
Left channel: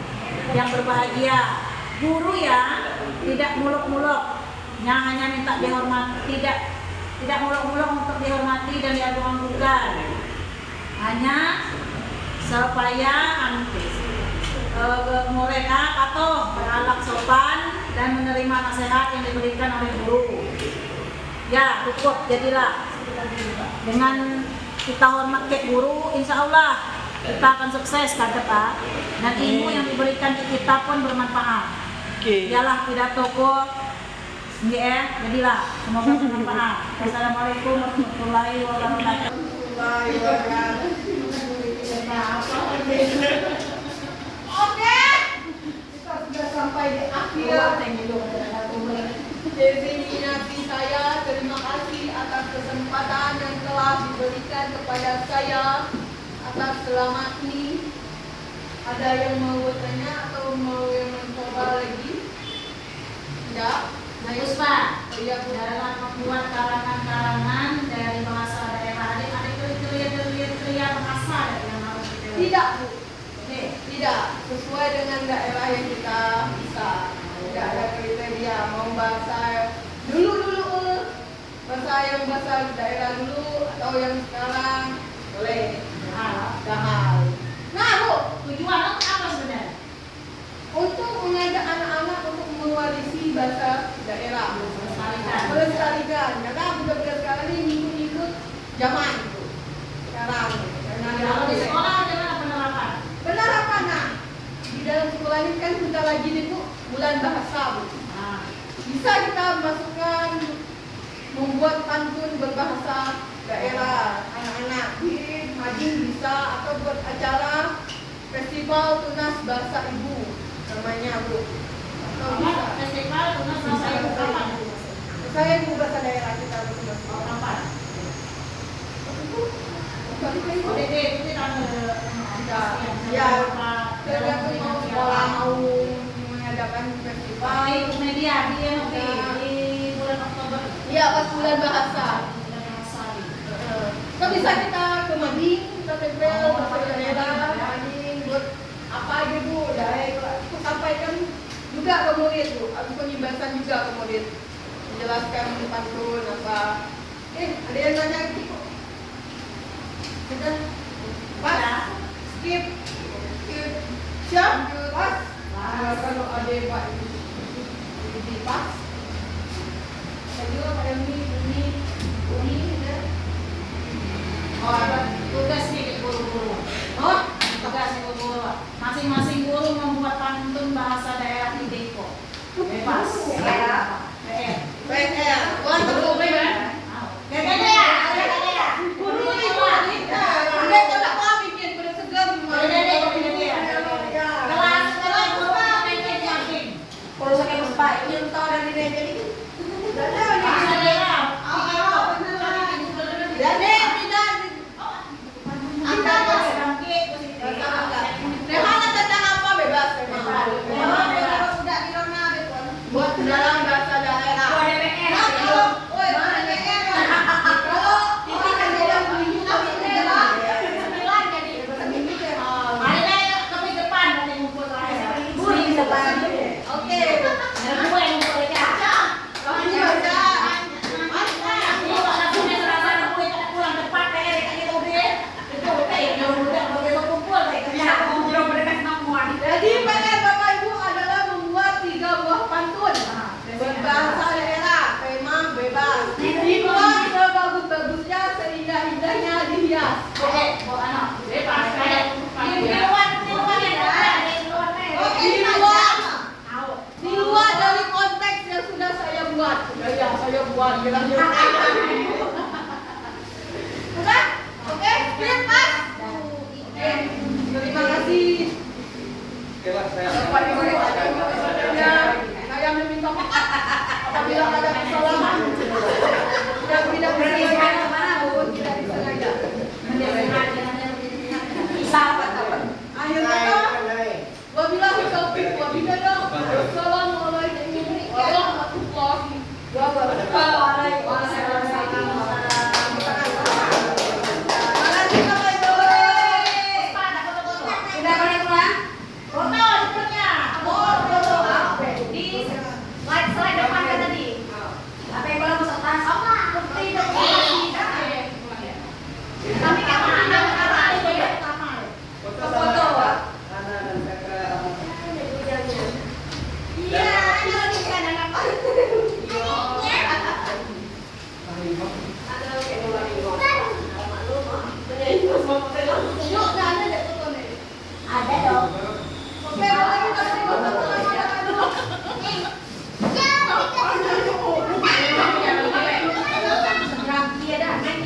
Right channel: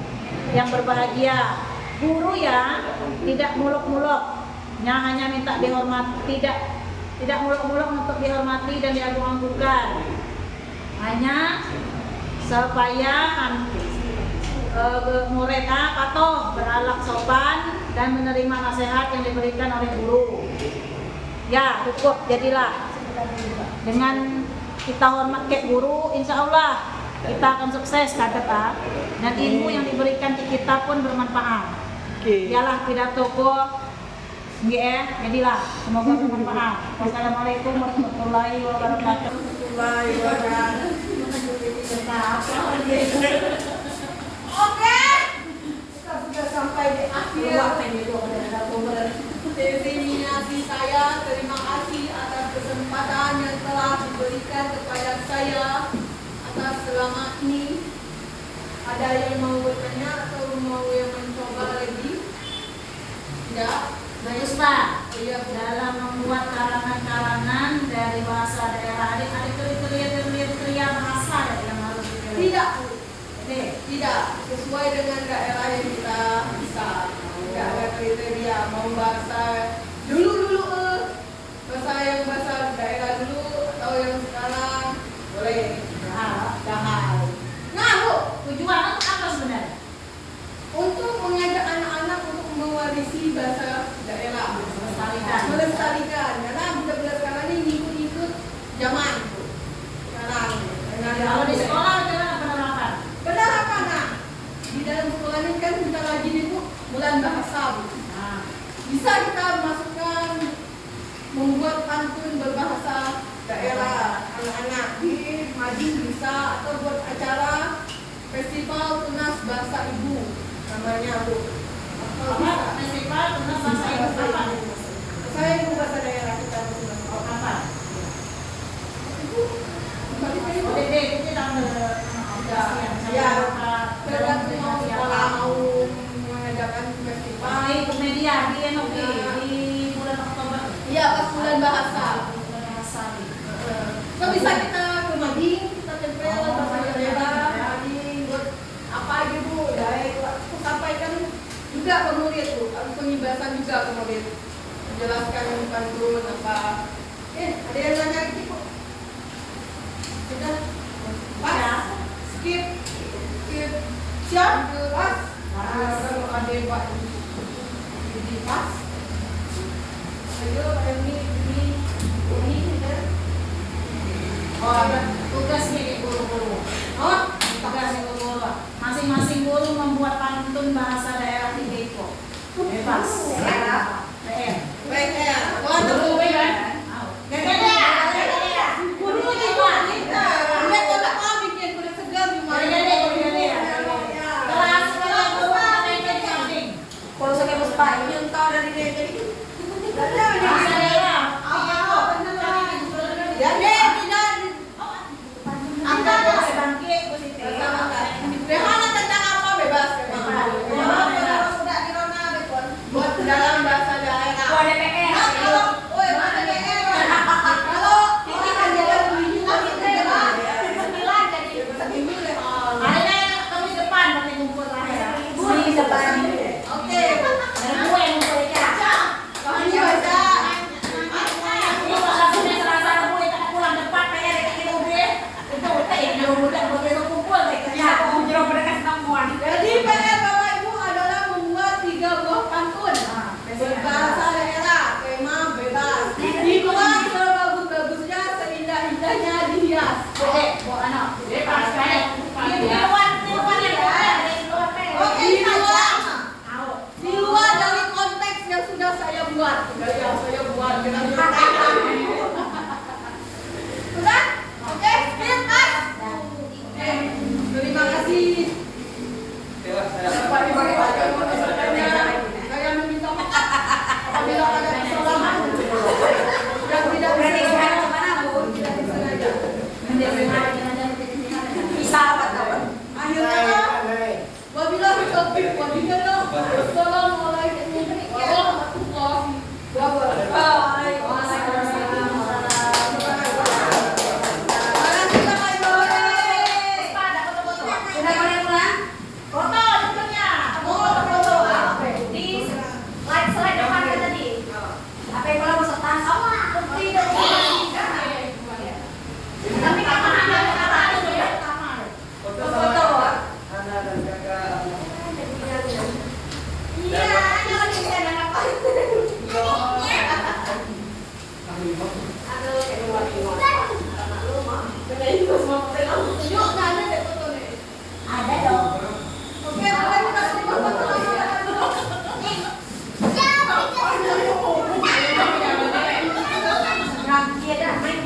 yang berbahagia, guru ya tidak muluk-muluk, yang hanya minta dihormati, tidak muluk-muluk untuk dihormati dan diagung-agungkan. Hanya supaya murid patuh, berakhlak sopan dan menerima nasihat yang diberikan oleh guru. Ya cukup, jadilah dengan kita hormat ke guru, insya Allah kita akan sukses kata dan ilmu yang diberikan ke kita pun bermanfaat. Ialah pidatoku, jadilah semoga bermanfaat. Wassalamualaikum warahmatullahi wabarakatuh. Oke, kita sudah sampai di akhir destinasi saya. Terima kasih atas kesempatan yang telah diberikan kepada saya atas selamat ini. Ada yang mau bertanya atau mau yang mencoba lagi? Tidak? Puspa, dalam membuat karangan-karangan dari bahasa daerah ada kriteria bahasa yang harus dipilih? Tidak, Bu. Tidak, sesuai dengan daerah yang kita bisa. Tidak ada kriteria mau bahasa dulu bahasa yang bahasa daerah dulu atau yang sekarang boleh. Dahal. Nah, Bu, Tujuan apa sebenarnya? untuk mengajak anak-anak untuk mewarisi bahasa daerah, melestarikan. Karena budak-budak sekarang ini ngikut zaman, Bu. Sekarang Kalau di sekolah bagaimana penerapan? penerapan, nah, di dalam sekolah ini kan kita lagi nih, Bu, bulan bahasa, Bu. Bisa kita masukkan membuat pantun berbahasa daerah anak-anak di Madin bisa, atau buat acara festival tunas bahasa ibu namanya, Bu. Atau bisa Festival tunas bahasa ibu apa? juga ke murid tuh, harus pengibasan juga ke murid. Menjelaskan pantun apa. Ada yang nanya gitu. Kita pas, skip, siap, pas. Nah, kalau ada buat ini pas. Ayo, ini ya. Oh, tugas nih guru-guru. Oh, Tugas guru-guru. Masing-masing guru membuat pantun bahasa daerah di Depok. Bebas. PR. Wah, tunggu ya. Guru ini buat kita. Udah kalau kau bikin kuda segar gimana? Kelas Kalau saya lupa ini yang tahu dari meja ini. Temanya tentang apa bebas memang. Sudah di mana betul? Buat dalam bahasa daerah. Nah, kalau kalau ini kan jadi bunyi kami bebas. Oke. Kami baca. Jadi PR Bapak Ibu adalah membuat 3 buah pantun berbahasa daerah, tema bebas. Dibuat sebagus-bagusnya, seindah-indahnya dihias. Di luar dari konteks yang sudah saya buat. Saya buat Sudah? Oke, skip mas. Oke, terima kasih. Saya meminta maaf apabila ada kesalahan dan tidak disengaja maupun tidak disengaja. Akhirnya, wabillahi taufiq wal hidayah. Wassalamualaikum warahmatullahi wabarakatuh. Ada dong. Oke, boleh kita foto. Dia dah main.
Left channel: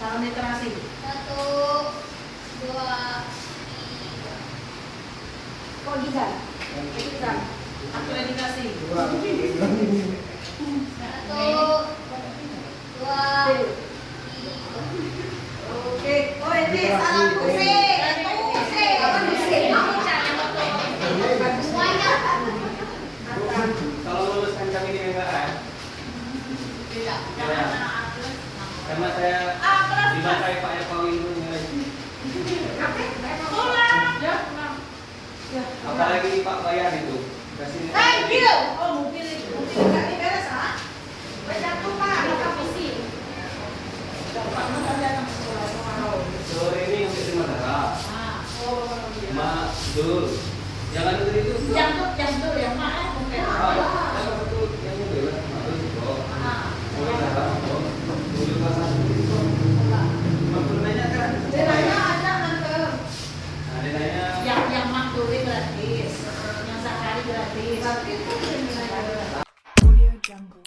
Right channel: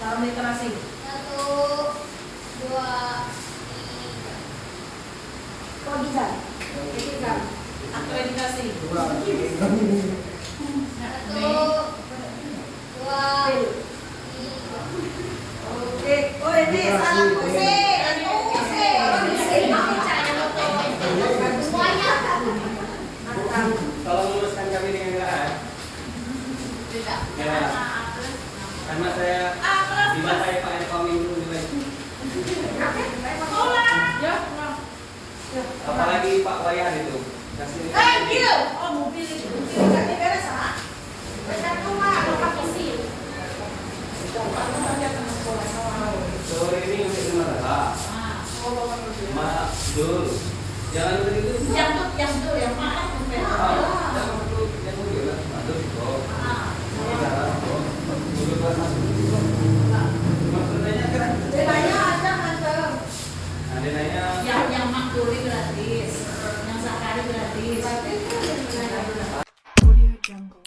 Salam literasi. 1, 2, 3. Kau Gizal. Akreditasi. 1, 2, 3. Oke, oh ini salah pusing. Pusing. Aku cari Semuanya. Tolong luruskan kami nih enggak? Tidak. Ya. Karena saya dibantai Pak Eko Minggu nilai. Ya, pulang. Apalagi Pak Bayar itu. Kasih. Thank you. Oh, mobil itu. Mobil ganti beres, ah. Banyak rumah, dapat mesin. Sore ini untuk di Madura. Ma, Dul. Jangan dulu itu. Yang tuh, yang mana? Yang satu yang mobil lah. Dul juga. Mobil datang. Mobil datang. Maksudnya kan? Bedanya ada hantem. Nah, dia nanya. Yang Makduri gratis, yang Zakari gratis. Tapi itu yang Audio Jungle.